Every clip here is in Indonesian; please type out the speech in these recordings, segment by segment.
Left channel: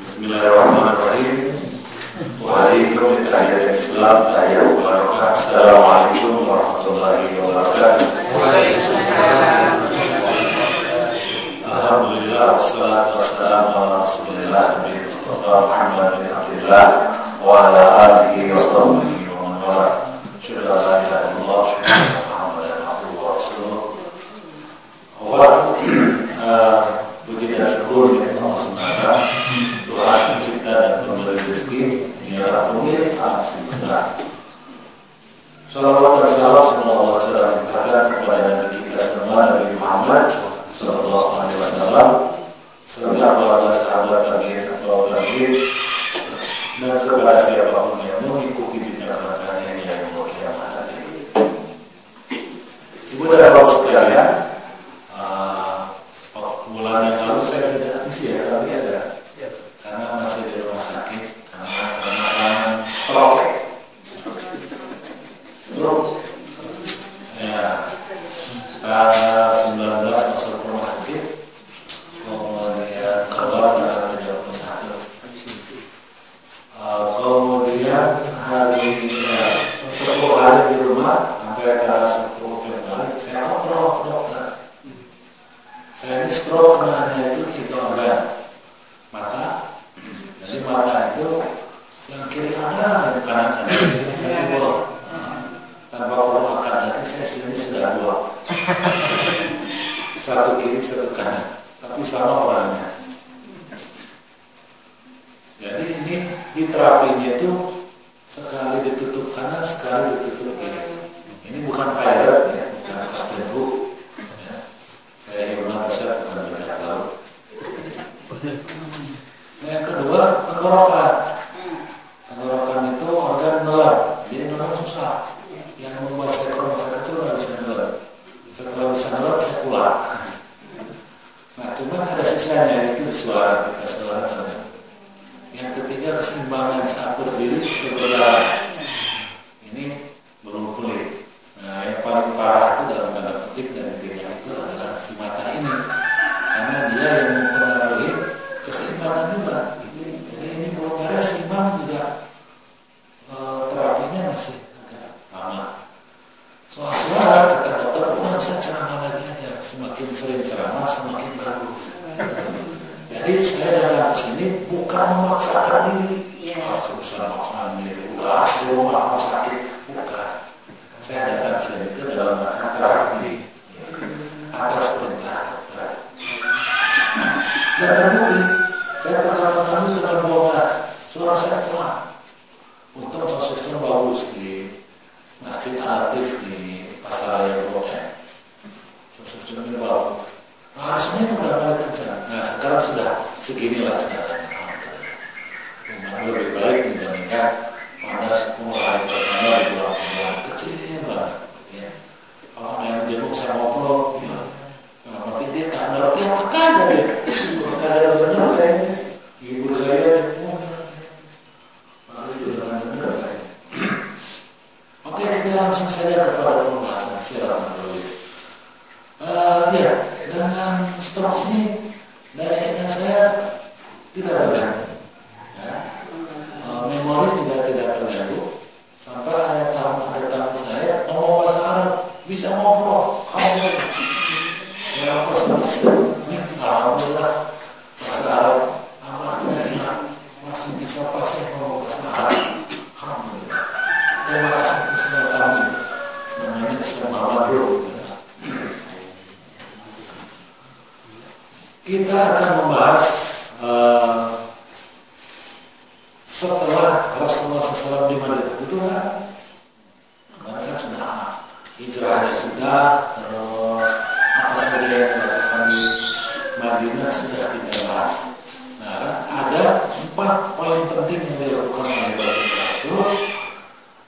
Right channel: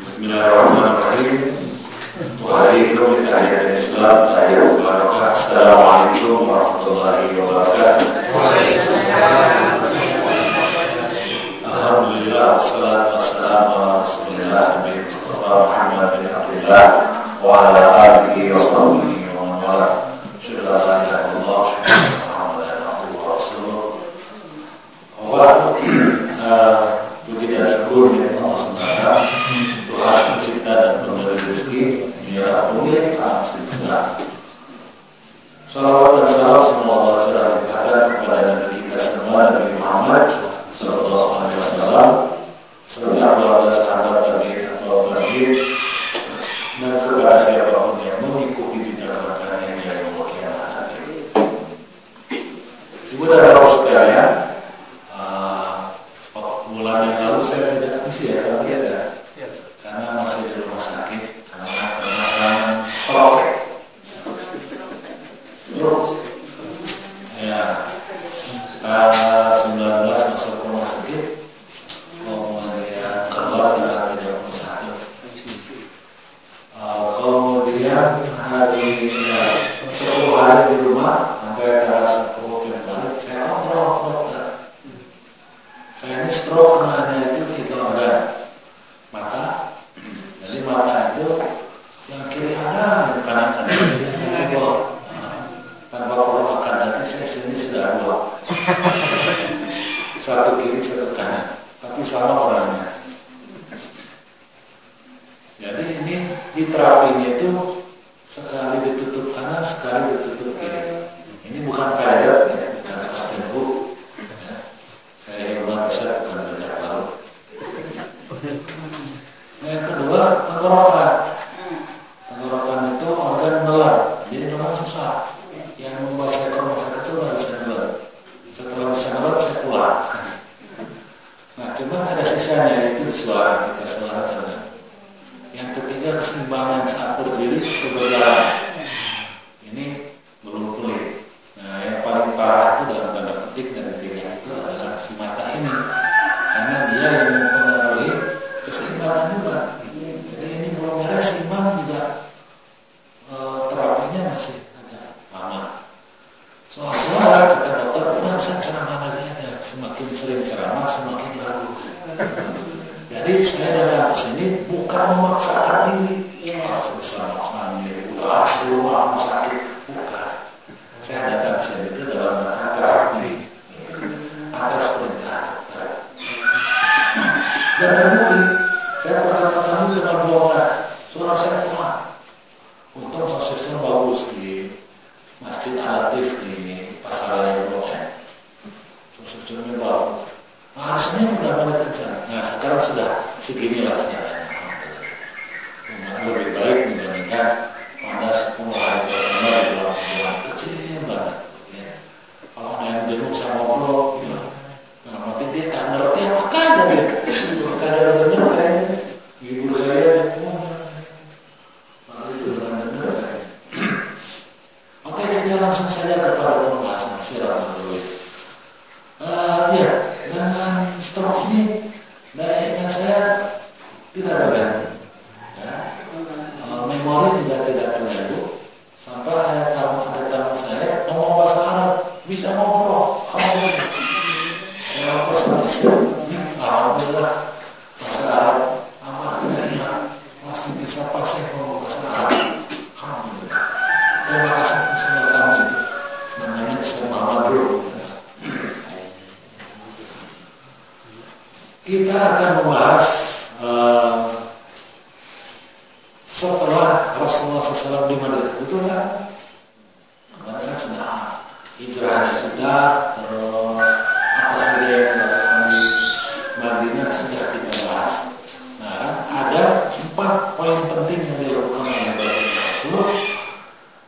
Bismillahirrahmanirrahim. Waalaikumsalam tahiyat Islam, tahiyat barakah. Assalamualaikum warahmatullahi wabarakatuh. Alhamdulillah, wassalatu wassalamu ala Rasulillah Nabi Mustafa Muhammad bin Abdullah wa ala alihi wa sahbihi wa man wala. Asyhadu an la ilaha illallah wa asyhadu anna Muhammadan abduhu wa rasuluh. Puji dan syukur kepada Allah SWT, Tuhan pencipta dan pemberi rezeki, Dialah pemilik alam semesta. Salawat dan salam semoga Allah secara limpahkan kepada Nabi kita semua, Nabi Muhammad Sallallahu Alaihi Wasallam, serta keluarga sahabat tabi'in dan kepada siapapun yang mengikuti jejak langkahnya hingga yaumul qiyamah nanti. Ibu dan bapak sekalian, bulan yang lalu saya tidak isi ya, tapi ada karena masih di rumah sakit karena ada masalah stroke ya. Tanggal 19 masuk rumah sakit, kemudian keluar tanggal 31, kemudian hari 10 hari di rumah sampai tanggal 10 Februari saya kontrol ke dokter. Saya ini stroke karena itu 3 organ mata. Jadi mata itu yang kiri ada, yang kanan ada, yang jebol. Tanpa perlu akan lagi saya sini sudah 2. Satu kiri, satu kanan, tapi sama orangnya. Jadi ini di terapinya itu sekali ditutup kanan, sekali ditutup kiri. Ini bukan pilot ya, bukan kapten hook. Saya rumah besar bukan bajak laut. Nah, yang kedua tenggorokan. Tenggorokan itu organ nelan. Jadi nelan susah. Yang membuat saya ke rumah sakit itu nggak bisa nelan. Setelah bisa nelan saya pulang. Nah, cuman ada sisanya yaitu di suara kita, suara terdengar. Yang ketiga keseimbangan saat berdiri atau berjalan. Ini belum pulih. Nah, yang paling parah itu dalam tanda petik dari 3 itu adalah si mata ini, karena dia yang mempengaruhi keseimbangan juga. Jadi ini belum beres, seimbang juga terapinya masih agak lama. Soal suara kata dokter udah bisa ceramah lagi aja, semakin sering ceramah semakin bagus. Jadi saya datang ke sini bukan memaksakan diri, susah maksakan diri, udah di rumah sakit, bukan. Saya datang ke sini itu dalam rangka terapi atas perintah dokter. Dan terbukti, saya pernah ketemu dengan 12, suara saya pelan. Untung sound system bagus di Masjid Al-Latif di Pasar Raya Blok M. Sound systemnya bagus. Nah, hari Senin udah mulai kencang. Nah, sekarang sudah seginilah sekarang. Lebih baik dibandingkan pada 10 hari pertama di bulan Februari. Kecil banget ya. Kalau ada yang jenguk saya ngobrol ya, dalam hati dia tak ngerti apa kaya dia. Ada denger kayaknya ibu saya jenguk malah juga denger kayaknya. Oke, kita langsung saja kepada pembahasan silaturahmi. Ya, dengan stroke ini daya ingat saya tidak terganggu ya. Memori juga tidak terganggu. Sampai ada tamu saya ngomong bahasa Arab, bisa ngobrol. Saya pesan istri, nih alhamdulillah bahasa Arab apa tidak ya, masih bisa pasang ngomong bahasa Arab. Alhamdulillah. Terima kasih semua tamu itu. Namanya Muhammad dulu. Kita akan membahas setelah Rasulullah SAW di Madinah, betul kan? Kemarin kan sudah hijrahnya sudah, terus apa saja yang dilakukan di Madinah sudah kita bahas. Nah kan ada 4 poin penting yang dilakukan oleh Baginda Rasul.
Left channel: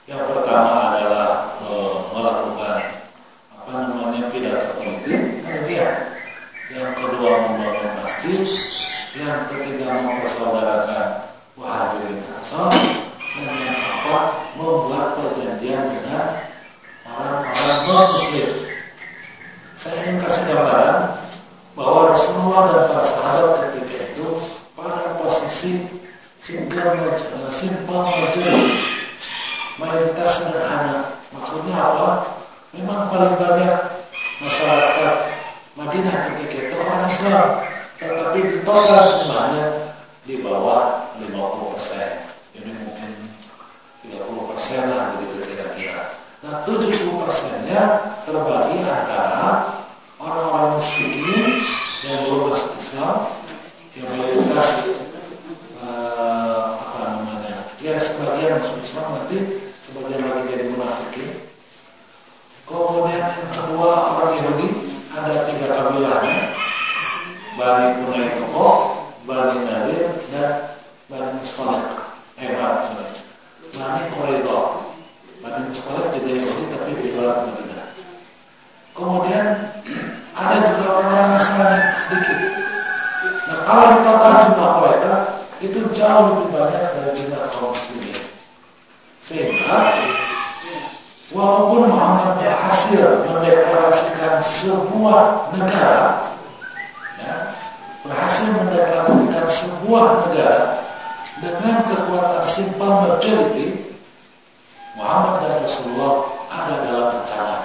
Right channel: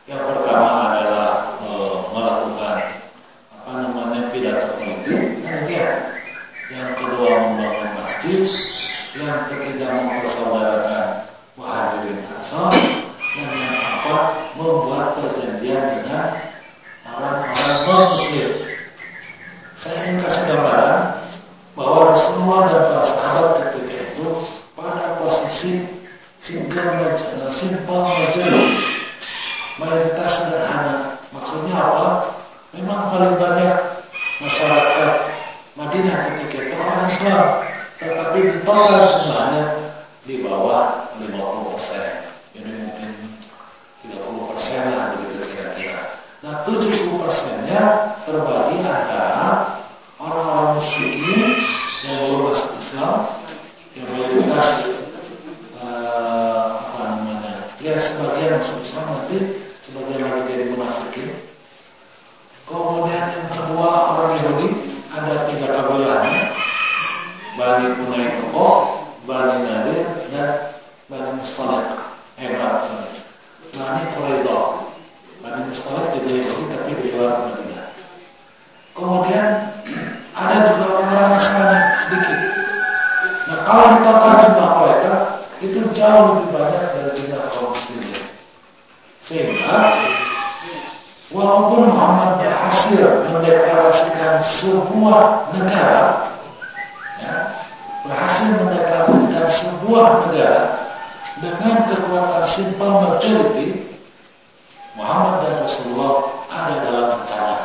Yang pertama adalah melakukan pidato politik, penelitian. Yang kedua membangun masjid. Yang ketiga mempersaudarakan Muhajirin Ansor, dan yang keempat membuat perjanjian dengan orang-orang non-muslim. Saya ingin kasih gambaran bahwa Rasulullah dan para sahabat ketika itu pada posisi orang Islam, tetapi di total jumlahnya di bawah 50%. Jadi mungkin 30% lah begitu kira-kira. Nah 70%-nya terbagi antara orang-orang musyrikin yang belum masuk Islam, yang mayoritas yang sebagian masuk Islam, nanti sebagian lagi jadi munafikin. Kemudian yang kedua orang Yahudi, ada 3 kabilahnya, Bani Quraidah, Bani Nadir, dan Bani Mustalik. Bani Quraidah, Bani Mustalik juga Yahudi tapi di luar Madinah. Kemudian ada juga orang-orang Nasrani sedikit. Nah kalau di total jumlah mereka itu jauh lebih banyak dari jumlah kaum muslimin. Sehingga walaupun Muhammad berhasil mendeklarasikan sebuah negara, dengan kekuatan simple majority, Muhammad dan Rasulullah ada dalam ancaman.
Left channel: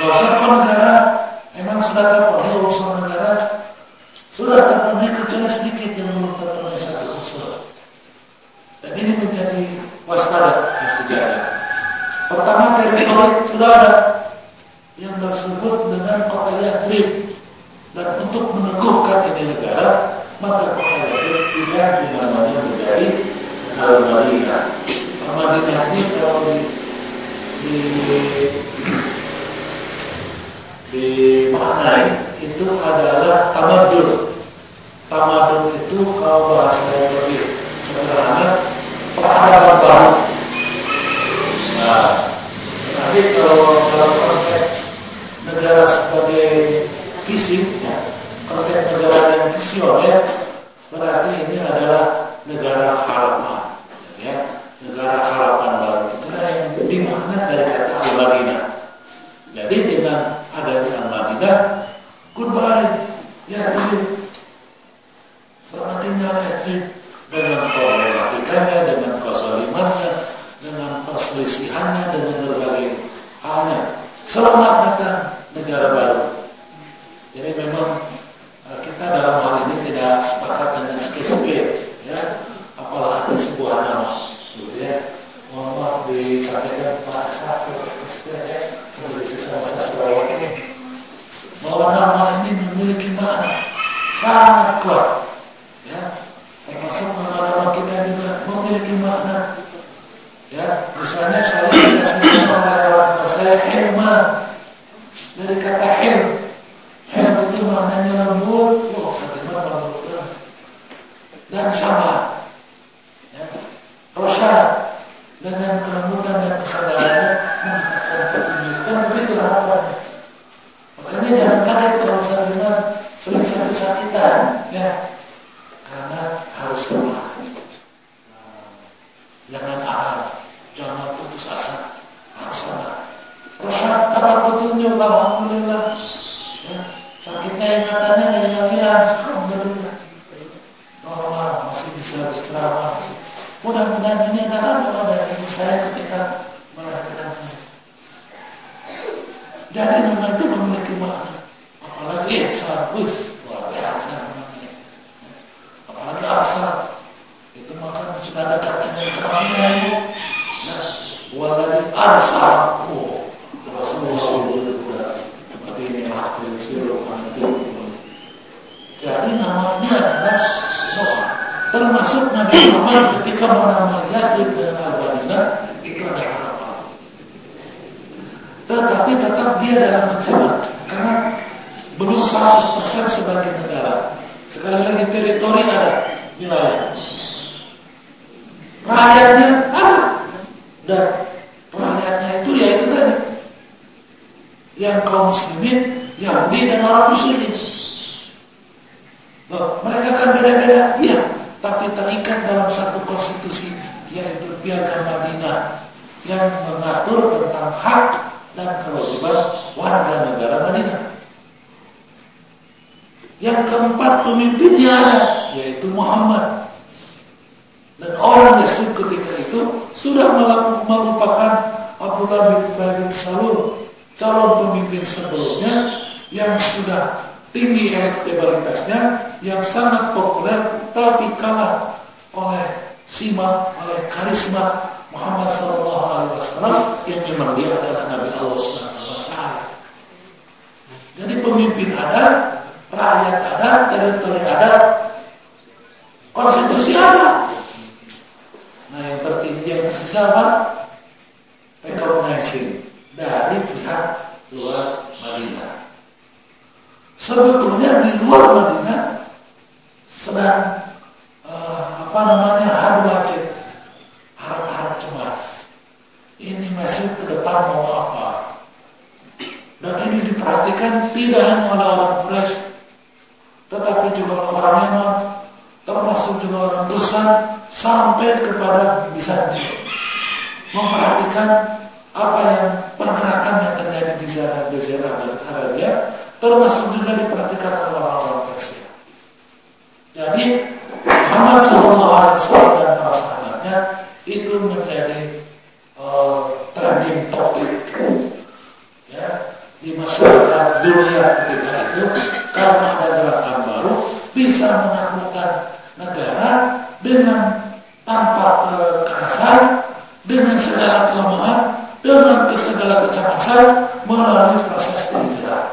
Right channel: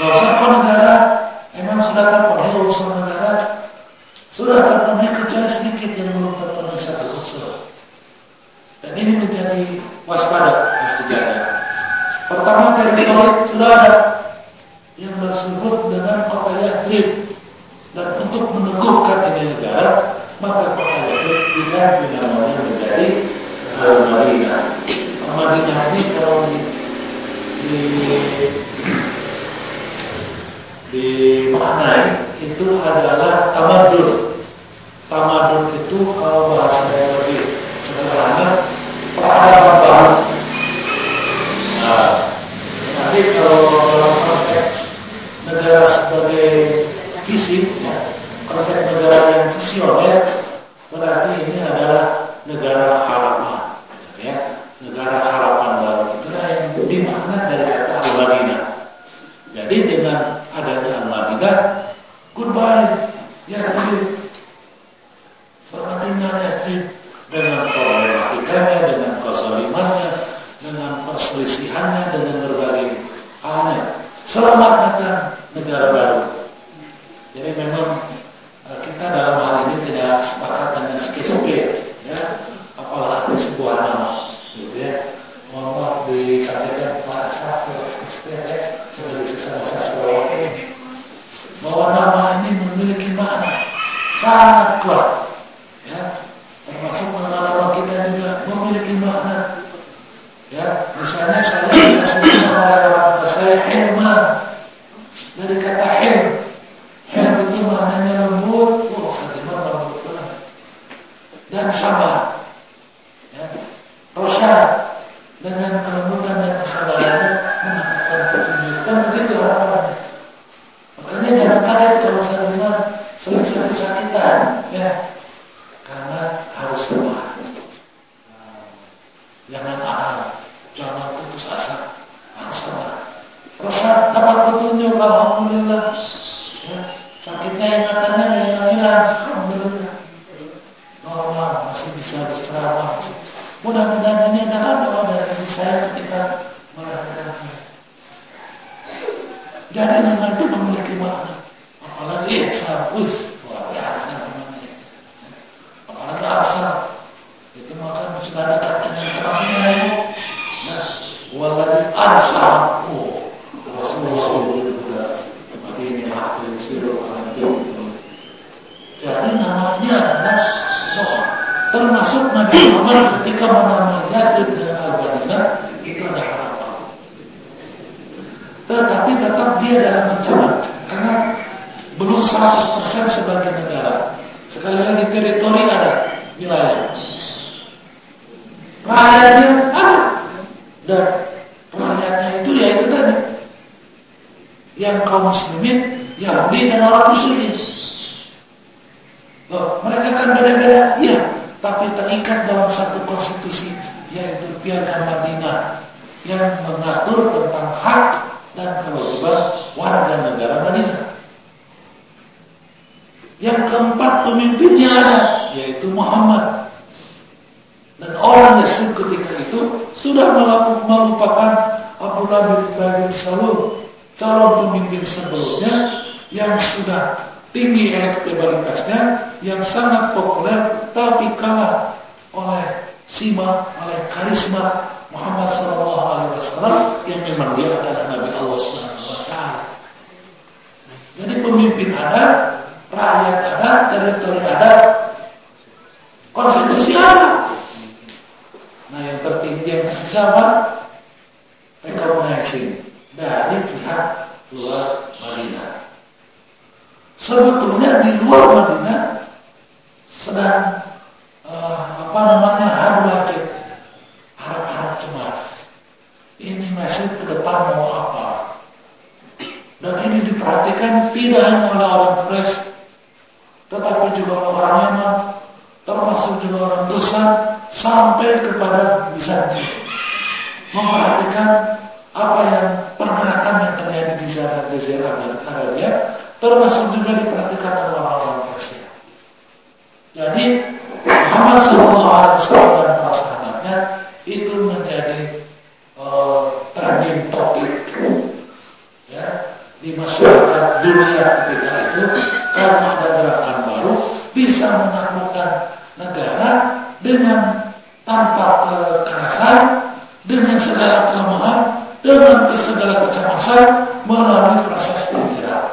Gak usah kok negara, emang sudah terpenuhi unsur negara, sudah terpenuhi kecuali sedikit yang belum terpenuhi satu unsur. Dan ini menjadi waspada, harus dijaga. Pertama, teritori sudah ada yang disebut dengan kota Yathrib, dan untuk meneguhkan ini negara, maka kota Yathrib diganti namanya menjadi Madinah. Madinah ini kalau dimaknai itu adalah tamadun. Tamadun itu kalau bahasa yang lebih sederhana, peradaban baru. Nah, nanti kalau dalam konteks negara sebagai visi, konteks negara yang visioner, berarti ini adalah negara harapan, negara harapan baru. Itulah yang dimakna dari kata Al-Madinah. Jadi dengan adanya Al-Madinah, goodbye Yathrib, selamat tinggal Yathrib, dengan problematikanya, dengan kezalimannya, dengan perselisihannya, dengan berbagai halnya. Selamat datang negara baru. Jadi memang kita dalam hal ini tidak sepakat dengan skip, ya, apalagi sebuah nama, gitu ya. Mohon maaf disampaikan Pak Sakit, ya, sebagai sesama sastrawan bahwa nama ini memiliki makna sangat kuat, ya, termasuk nama-nama kita juga memiliki makna, ya. Misalnya saya dikasih nama oleh orang tua saya Hilman, dari kata Hilm itu maknanya lembut, Sadiman lembut banget, dan sama, ya, Rosyad dengan kelembutan dan kesabarannya mendapatkan petunjuk, kan begitu harapannya. Makanya jangan kaget kalau Sadiman sering sakit-sakitan, ya, karena harus sabar. Jangan arang, jangan putus asa, harus sabar. Rosyad dapat petunjuk, alhamdulillah, ya, sakitnya ingatannya nggak hilang-hilang, alhamdulillah, normal, masih bisa berceramah, masih bisa. Mudah-mudahan ini adalah doa dari ibu saya ketika melahirkan saya. Jadi nama itu memiliki makna. Apalagi Ihsan, luar biasa namanya. Apalagi Arsal, itu maka sudah dekat dengan kenabian. Nah, waladhi Arsal, Rasulullah. Ini hati siru anti. Jadi namanya adalah doa. Termasuk Nabi Muhammad ketika menamai Yathrib dengan Al-Madinah, itu ada harapan. Tetapi tetap dia dalam ancaman, karena belum 100% sebagai negara. Sekali lagi teritori ada, wilayah. Rakyatnya ada, dan rakyatnya itu yaitu tadi, yang kaum muslimin, Yahudi dan orang musyrikin. Loh, mereka kan beda-beda, iya, tapi terikat dalam satu konstitusi, yaitu Piagam Madinah, yang mengatur tentang hak dan kewajiban warga negara Madinah. Yang keempat, pemimpinnya ada, yaitu Muhammad. Dan orang Yathrib ketika itu sudah melupakan Abdullah bin Ubay bin Salul, calon pemimpin sebelumnya, yang sudah tinggi elektabilitasnya, yang sangat populer, tapi kalah oleh oleh karisma Muhammad SAW yang memang dia adalah Nabi Allah SWT. Jadi pemimpin ada, rakyat ada, teritori ada, konstitusi ada. Nah yang tertinggi yang tersisa apa? Recognizing dari pihak luar Madinah. Sebetulnya di luar Madinah sedang adu aceh, harap-harap cemas. Ini masih ke depan mau apa? Dan ini diperhatikan tidak hanya oleh orang Quraisy, tetapi juga oleh orang Yaman, termasuk juga orang Ghassan, sampai kepada Bizantium. Memperhatikan apa yang pergerakan yang terjadi di Jazirah Arabia, termasuk juga diperhatikan oleh orang-orang Persia. Jadi Muhammad SAW dan para sahabatnya itu menjadi trending topik ya, di masyarakat dunia ketika itu, karena ada gerakan baru bisa menaklukkan negara dengan tanpa kekerasan, dengan segala kelemahan, dengan segala kecemasan melalui proses hijrah.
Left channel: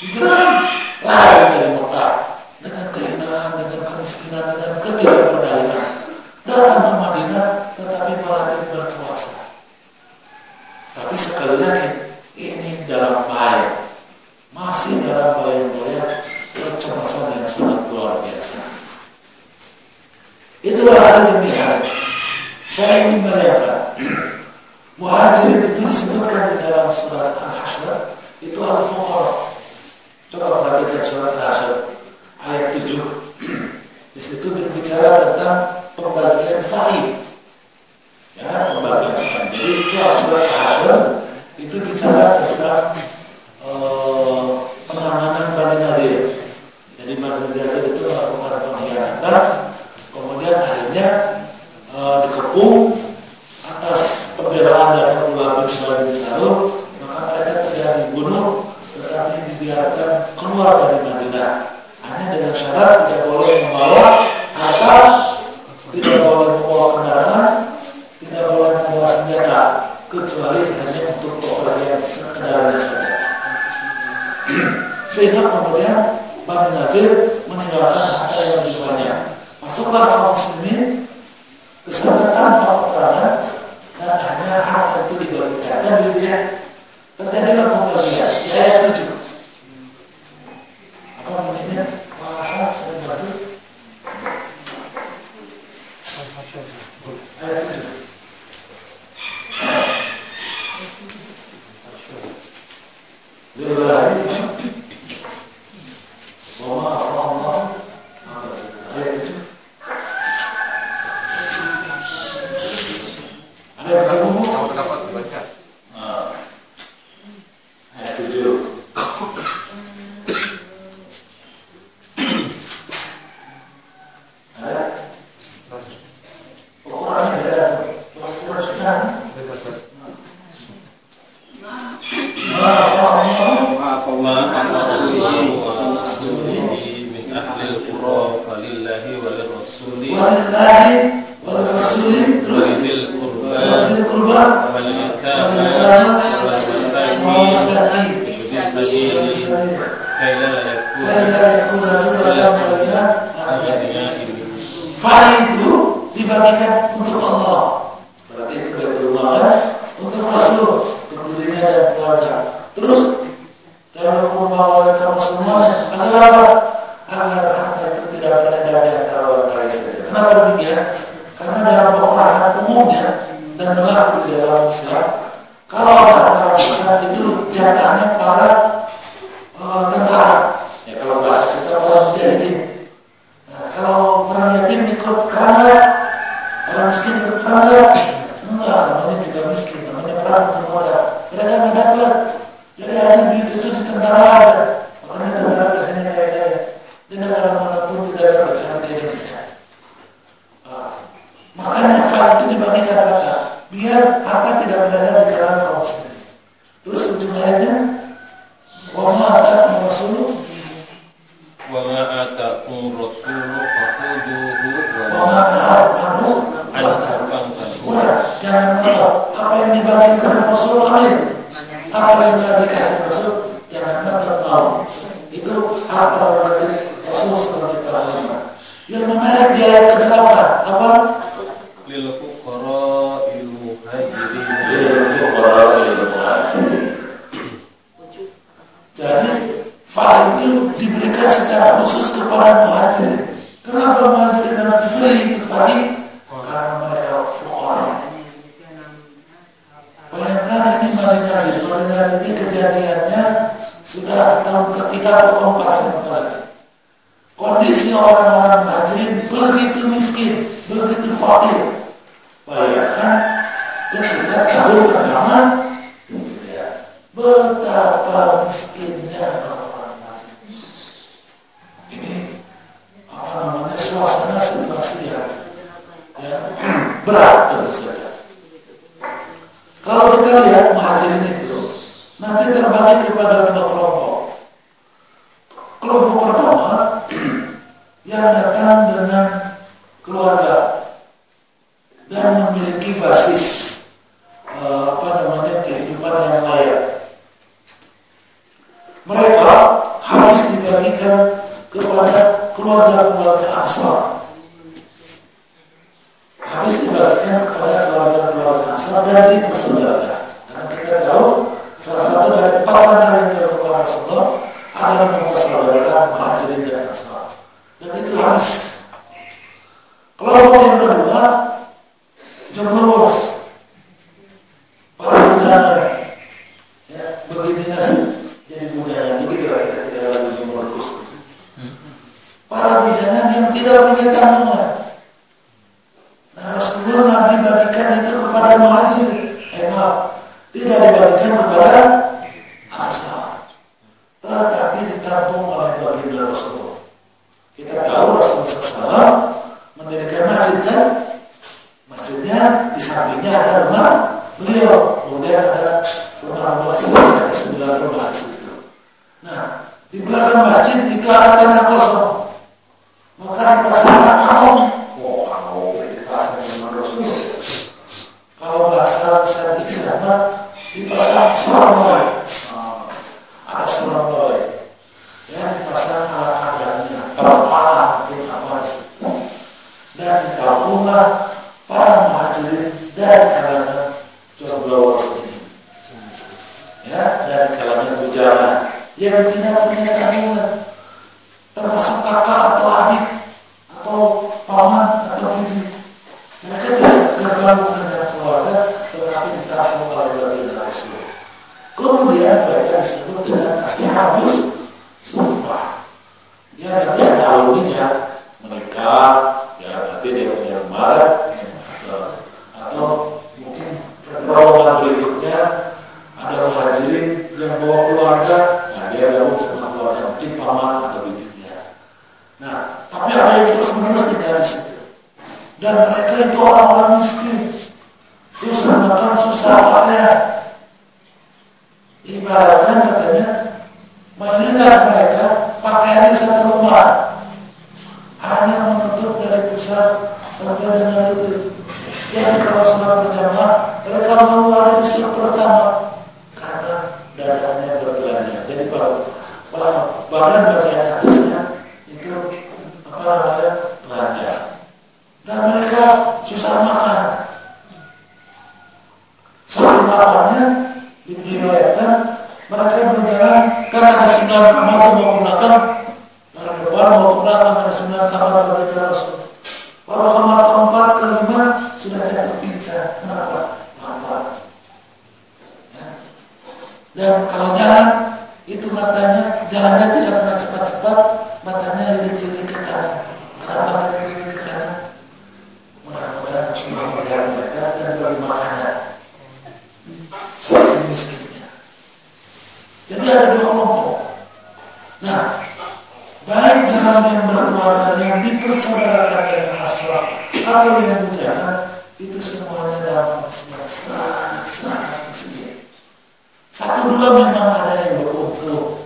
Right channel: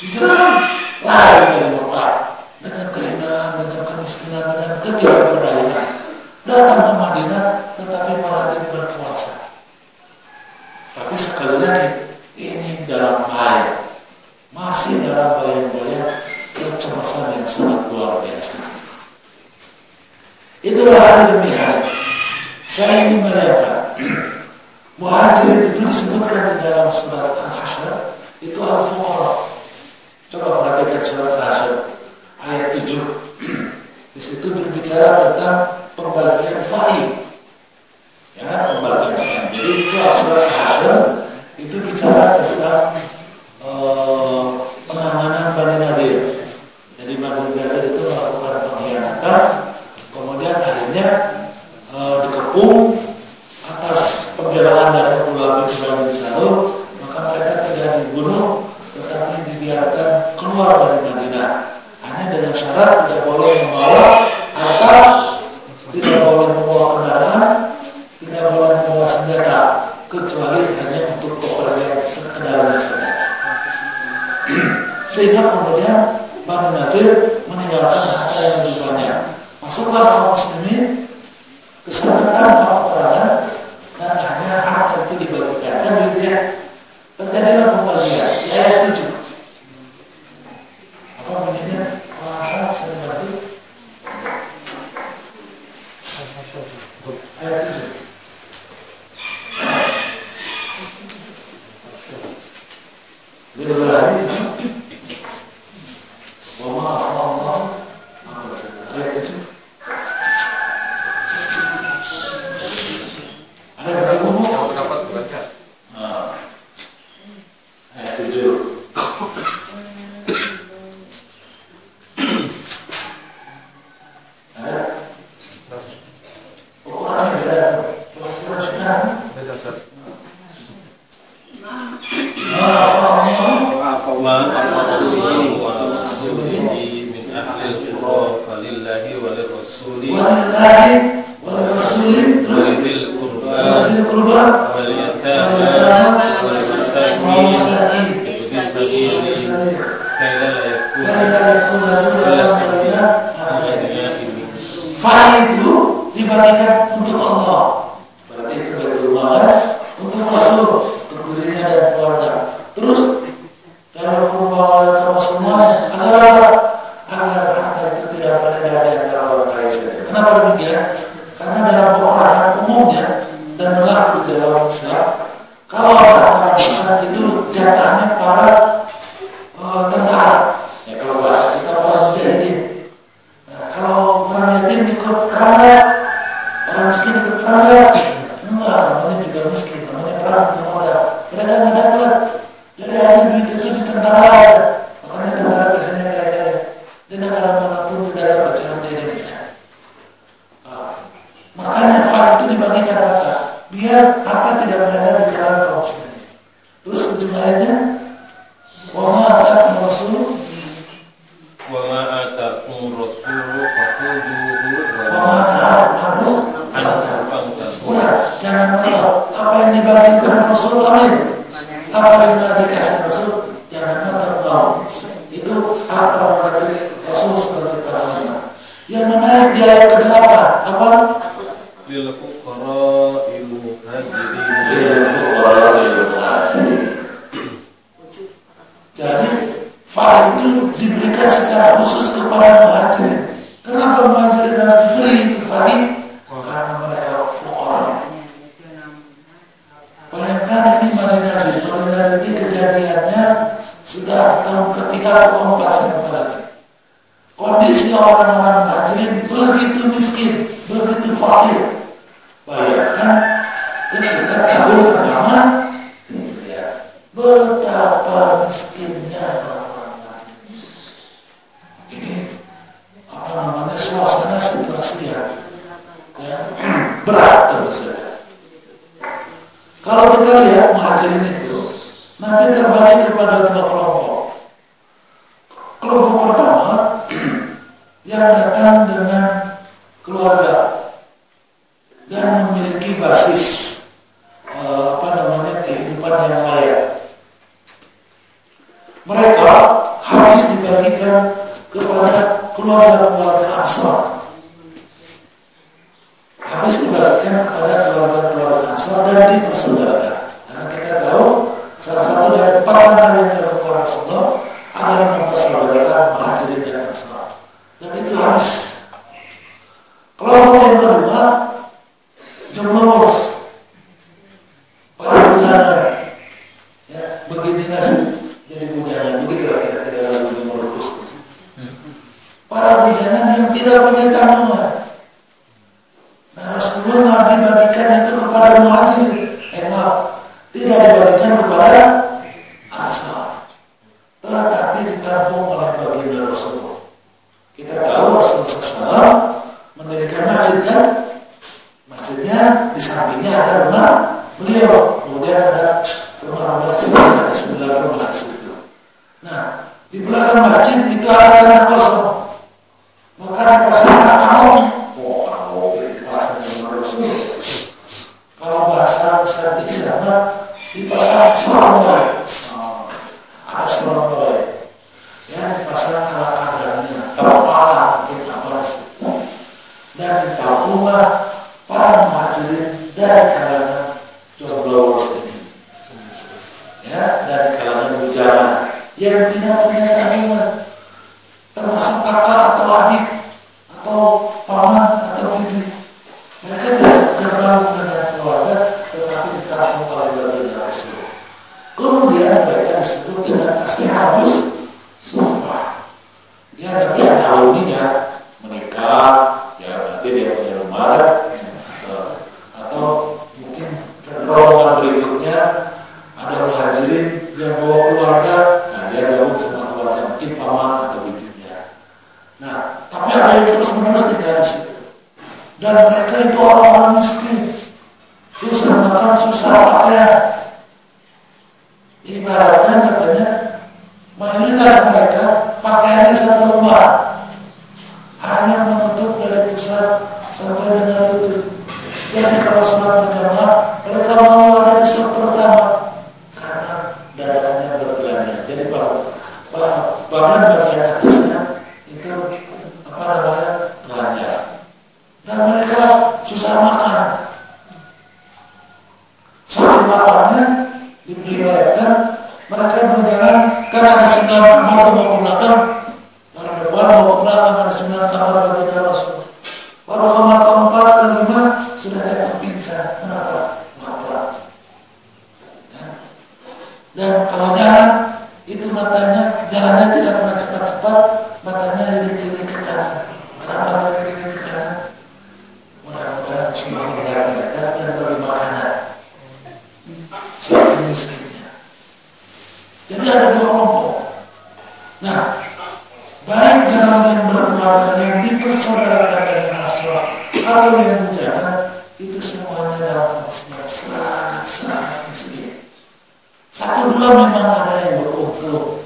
Hijrah lain dari Mekah, dengan kehinaan, dengan kemiskinan, dengan ketidakberdayaan, datang ke Madinah tetapi malah tidak berkuasa. Tapi sekali lagi ini dalam bahaya, masih dalam bayang-bayang kecemasan yang sangat luar biasa. Itulah hari demi hari saya ingin bayangkan muhajirin itu disebutkan di dalam surat Al-Hasyr itu al-fuqara. Coba perhatikan surat Al-Hasyr ayat 7. Di situ berbicara tentang pembagian faiz. Ya, pembagian faiz. Jadi itu surat Al-Hasyr itu bicara tentang penanganan Bani Nadir. Jadi Bani Nadir itu melakukan pengkhianatan, kemudian akhirnya dikepung atas pembelaan dari Abdullah bin Bani Salul, maka mereka tidak dibunuh tetapi dibiarkan keluar dari Madinah, hanya dengan syarat tidak boleh membawa harta, tidak boleh membawa kendaraan, tidak boleh membawa senjata, kecuali hanya untuk pepergian sekedarnya saja. Sehingga kemudian Bani Nadir meninggalkan harta yang lebih banyak. Masuklah kaum muslimin ke sana tanpa peperangan, dan hanya harta itu dibagikan. Dan dia terjadilah pembagian di ayat 7. Apa bunyinya? Saya bantu. Ayat 7. Lillahi wa ma Allah. Ayat 7. Ada yang ketemu? Ayat 7. Ada? Ukurannya beda. Ukuran sekarang beda. Walillahi wal rasul terus walil qurba wal yatama wal masakin fa'il itu dibagikan untuk Allah, berarti itu baitul mal, untuk Rasul, untuk dirinya dan keluarga. Terus kalau qurba wal yatama semuanya agar apa? Agar harta itu tidak beredar di antara orang kaya saja. Kenapa demikian? Karena dalam peperangan umumnya dan berlaku di dalam Islam, kalau harta rampasan itu jatahnya para tentara. Ya kalau bahasa kita para mujahidin. Nah, kalau orang yatim ikut perang, orang miskin ikut perang, enggak, namanya juga miskin, namanya perang kemudian mereka nggak dapat. Jadi hanya duit itu di tentara aja. Makanya Rasul? Wa ma atakum rasulu fakhuduhu Wa ma atakum udah, jangan mentok. Apa yang dibagikan Rasul, amin. Apa yang tidak dikasih Rasul, jangan mentok mau. Itu hak prerogatif Rasul sebagai pahlawan. Yang menarik di ayat ke-8 apa? lil fuqara'il muhajirin. Lil fuqara'il muhajirin. Jadi fa itu diberikan secara khusus kepada muhajirin. Kenapa muhajirin harus diberi itu fa? Karena mereka fuqara. Bayangkan ini Madinah ini kejadiannya sudah tahun ketiga atau keempat sampai lagi. Kondisi orang-orang muhajirin begitu miskin, begitu fakir. Bayangkan ketika tahun pertama, betapa miskinnya orang-orang muhajirin. Ini apa namanya, suasana situasi yang berat tentu saja. Kalau kita lihat muhajirin itu nanti terbagi kepada dua kelompok. Kelompok pertama yang datang dengan keluarga dan memiliki basis kehidupan yang layak. Mereka harus dibagikan kepada keluarga-keluarga Ansar. Harus dibagikan kepada keluarga-keluarga Ansar dan dipersaudarakan. Karena kita tahu salah satu dari 4 langkah yang dilakukan Rasulullah adalah mempersaudarakan muhajirin dan Ansar. Dan itu harus. Kelompok yang kedua, jomblowers, para bujangan. Ya, begini nasib jadi bujangan, begitu kira-kira, tidak lagi jomblowers. Para bujangan yang tidak punya tanggungan. Nah, Rasulullah dibagikan itu kepada muhajirin. Tidak dibagikan kepada Ansar, tetapi ditampung oleh baginda Rasulullah. Kita tahu Rasulullah SAW mendirikan masjid kan? Masjidnya di sampingnya ada rumah beliau, kemudian ada rumah-rumah istri, ada 9 rumah istri. Nah, di belakang masjid itu ada tanah kosong. Maka dipasang kaum. Kalau bahasa Ustaz Ihsan dipasang sorong, ada sorong, ya dipasang alat-alatnya, kepala mungkin apa situ, dan ditampunglah para muhajirin dari kalangan jomblowers ini, ya, dari kalangan bujangan yang tidak punya tanggungan, termasuk kakak atau adik atau paman atau bibi. Mereka tidak bergaul dengan keluarga, tetapi ditampung oleh baginda Rasulullah. Kemudian mereka disebut dengan ashabus suffah. Dia nanti alumninya menikah, ya nanti dia punya rumah, atau mungkin rombongan berikutnya ada muhajirin yang bawa keluarga, nah dia gabung sama keluarga, mungkin paman atau bibinya. Nah, tapi ada yang terus-menerus tinggal di situ. Dan mereka itu orang-orang miskin, susah makan, susah pakaian. Ibaratnya katanya mayoritas mereka pakaiannya 1 lembar, hanya menutup dari pusat sampai dengan lutut. Jadi kalau sholat berjamaah mereka mau ada di saf pertama karena dadanya bertelanjang. Jadi badan bagian atasnya itu telanjang. Dan mereka susah makan. Saking laparnya diriwayatkan mereka berjalan, kan ada 9 kamar mau ke belakang, dari depan mau ke belakang ada 9 kamar baginda Rasul. Baru kamar keempat kelima sudah jatuh pingsan. Kenapa? Lapar. Dan kalau jalan itu matanya, jalannya tidak pernah cepat-cepat, matanya lirik-lirik ke kanan. Kenapa lirik-lirik ke kanan? Mudah-mudahan semua melihat mereka dan beri makanan. Saking miskinnya. Jadi ada 2 kelompok. Nah, baik dalam yang berkeluarga yang dipersaudarakan dengan Nasrani atau yang bujangan, itu semuanya dalam kondisi yang sangat miskin. 1-2 memang ada yang beruntung,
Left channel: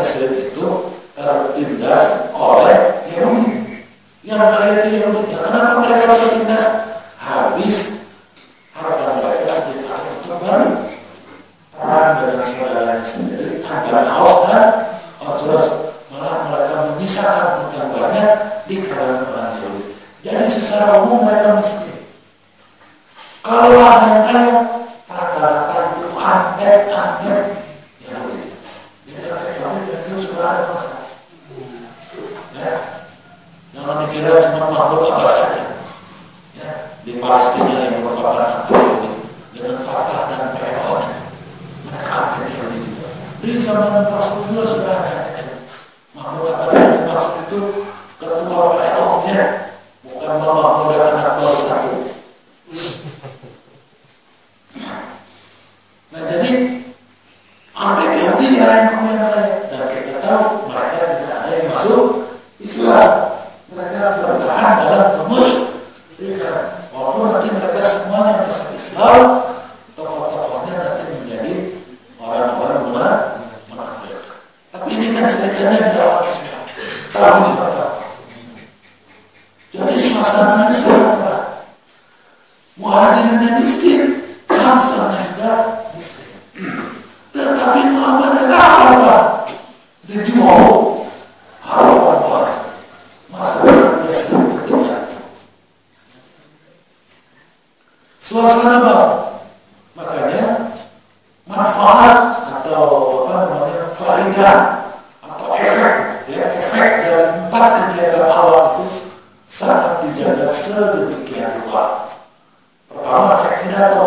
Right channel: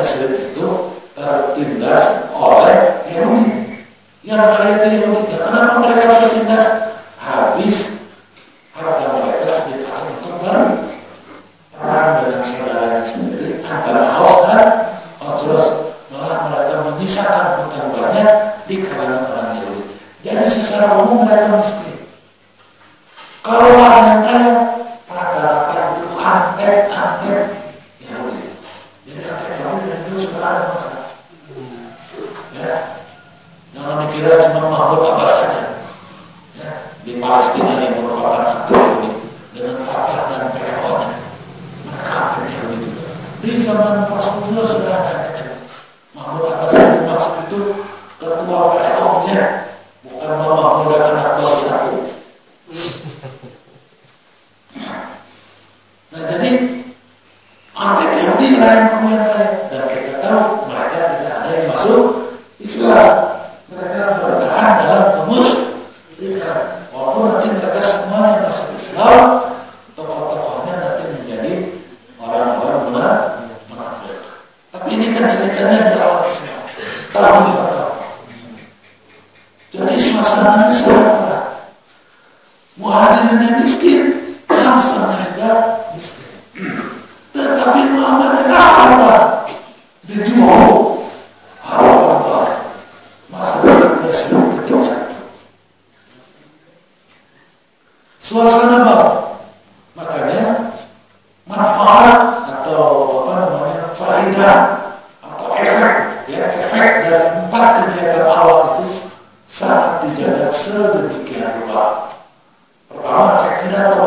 Yasrib itu tertindas oleh Yahudi. Yang kaya itu Yahudi. Kenapa mereka tertindas? Habis harta mereka dipakai untuk perang dengan saudaranya sendiri antara Aus dan Khazraj. Malah mereka menyisakan hutang banyak di kalangan orang Yahudi. Jadi secara umum mereka miskin. Kalau ada yang kaya, rata-rata itu antek Yahudi. Jadi antek Yahudi itu sudah ada masalah. Ya, jangan dikira cuma Mahmud Abbas saja. Ya, di Palestina yang merupakan antek Yahudi dengan Fatah dan PLO-nya, mereka antek Yahudi juga. Di zaman Rasulullah sudah ada antek Yahudi. Mahmud Abbas yang maksud itu ketua PLO-nya, bukan Mahmud anak baru satu. Nah jadi antek Yahudi yang kemudian baik, dan kita tahu mereka tidak ada yang masuk Islam. Mereka bertahan dalam kemusyrikan. Walaupun nanti mereka semuanya masuk Islam, tokoh-tokohnya nanti menjadi orang-orang munafik. Tapi ini kan ceritanya di awal Islam, tahun 5 tahun. Jadi suasananya sangat berat. Muhajirinnya miskin, bangsanya juga miskin. Tetapi Muhammad apa? Dijual apa? Masalah Yasrib ketika suasana baru. Makanya manfaat atau faedah atau efek dari 4 kegiatan awal itu sangat dijaga sedemikian rupa. Pertama, efek pidato,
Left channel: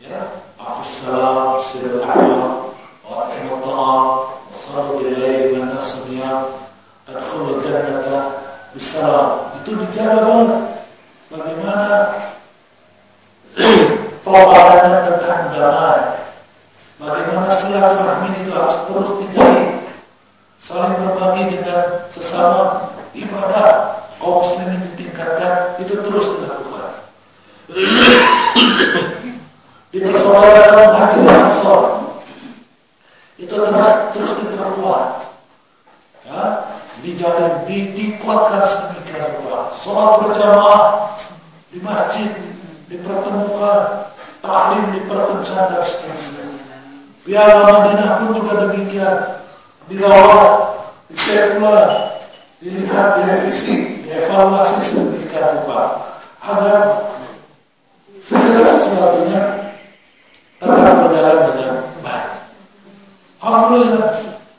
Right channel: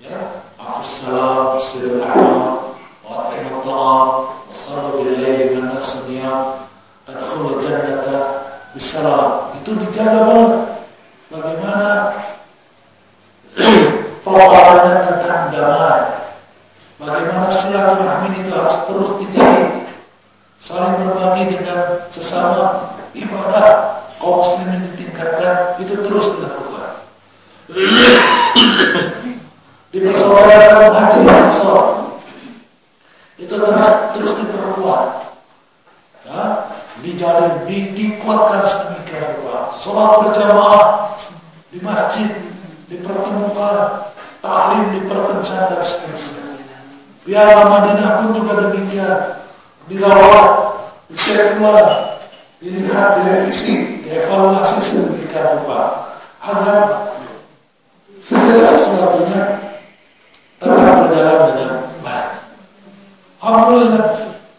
ya, afussalam, sidul amal, wa ta'imut ta'am, wa sallu billahi wa nasunyam, adkhulul jannata bisalam. Itu dijaga banget. Bagaimana tawarannya tentang damai, bagaimana silaturahmi itu harus terus dijalin, saling berbagi dengan sesama ibadah kaum muslimin ditingkatkan, itu terus dilakukan. Dipersaudarakan hati dan Ansor, itu terus diperkuat, ya, dijalin, dikuatkan sedemikian rupa. Sholat berjamaah di masjid dipertemukan, taklim diperkencang dan seterusnya. Piala Madinah pun juga demikian, dirawat, dicek ulang, dilihat, direvisi, dievaluasi sedemikian rupa agar segala sesuatunya tetap berjalan dengan baik. Alhamdulillah,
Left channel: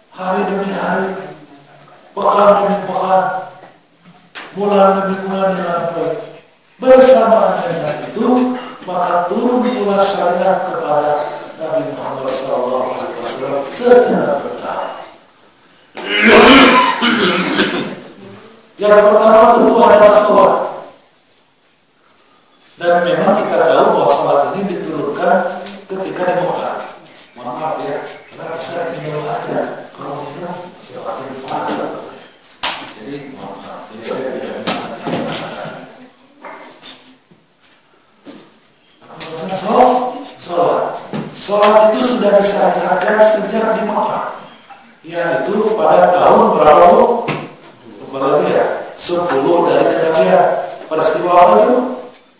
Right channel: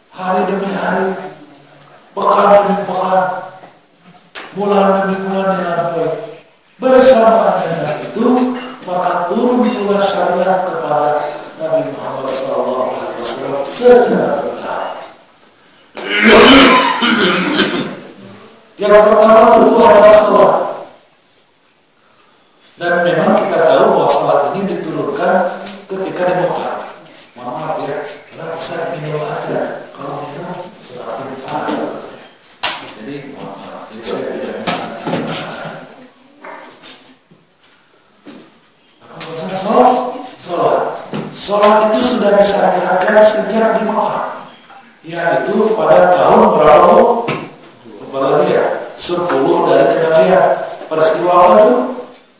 hari demi hari, pekan demi pekan, bulan demi bulan dilampaui. Bersamaan dengan itu, maka turun pula syariat kepada Nabi Muhammad SAW secara bertahap. Yang pertama tentu adalah sholat. Dan memang kita tahu bahwa sholat ini diturunkan ketika di Mekah. Mohon maaf ya, karena bisa minum aja. Kalau minum semakin parah. Jadi mohon maaf, jadi saya tidak minum. Sholat itu sudah disyariatkan sejak di Mekah, yaitu pada tahun berapa bu? Berapa ya? 10 dari kenabian. Peristiwa apa itu?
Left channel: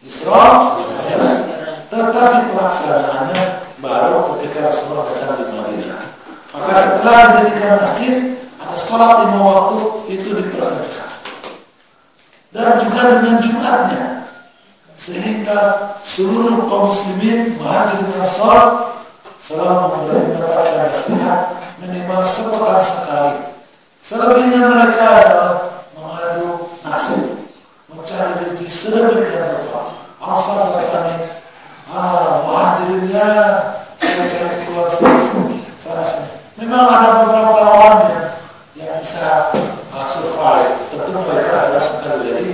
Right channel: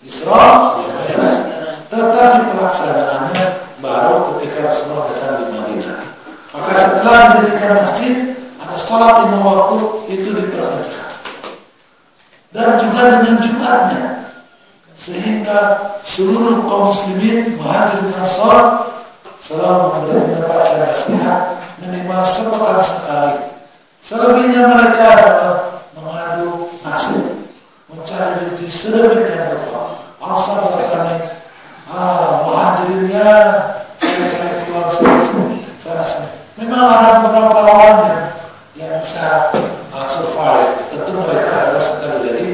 Isra, yes. Tetapi pelaksanaannya baru ketika Rasulullah datang di Madinah. Maka setelah didirikan masjid, ada sholat 5 waktu itu diperkerjakan. Dan juga dengan Jumatnya, sehingga seluruh kaum muslimin Muhajirin Ansor selalu mendapatkan nasihat minimal sepekan sekali. Selebihnya mereka adalah mengadu nasib, mencari rezeki sedemikian rupa. Ansor bertani, Muhajirinnya cari keluar sana sini. Memang ada beberapa orang yang bisa survive. Tentu mereka adalah sekali lagi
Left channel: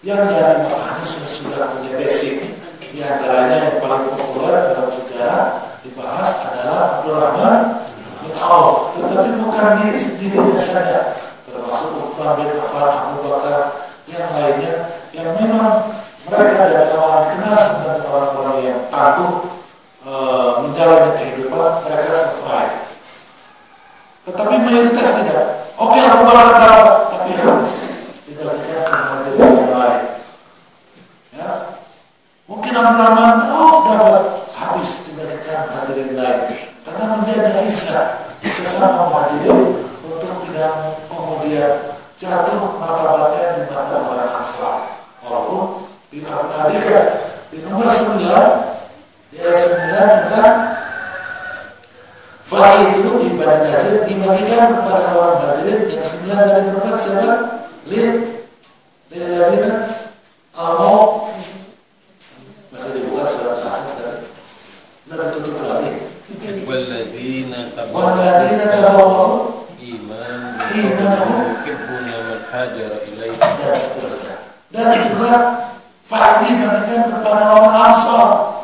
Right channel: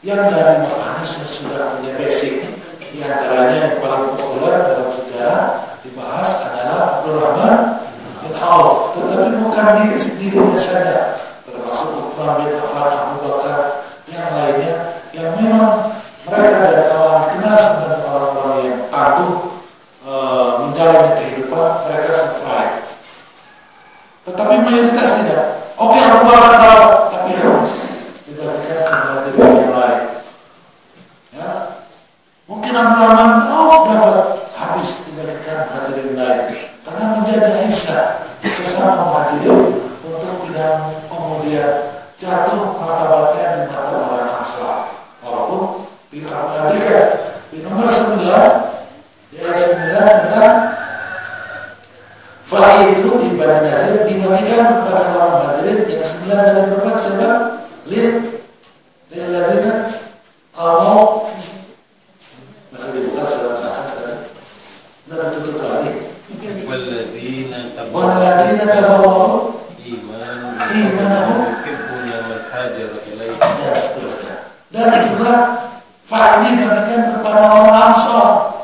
yang dari Mekahnya sudah punya basic. Di antaranya yang paling populer dalam sejarah dibahas adalah Abdurrahman bin Auf. Tetapi bukan dirinya saja, termasuk Uthman bin Affan, Abu Bakar, yang lainnya, yang memang mereka dari awal dikenal sebagai orang-orang yang tangguh menjalani kehidupan, mereka survive. Tetapi mayoritas tidak. Oke, Abu Bakar dapat, tapi habis dibagikan ke muhajirin yang lain. Ya, mungkin Abdurrahman dapat, habis dibagikan muhajirin lain, karena menjaga izzah sesama muhajirin untuk tidak kemudian jatuh martabatnya di mata orang Ansar. Walaupun di nomor 9, di ayat 9 tentang Fahid itu di Bani Nazir dibagikan kepada orang muhajirin. Yang 9 tadi berapa? Siapa? Lilladzina amanu, masih dibuka surat Al-Asr tadi. Sudah ditutup lagi. Walladzina tabawwa'u imanahum dan seterusnya. Dan juga Fahid dibagikan kepada orang Ansar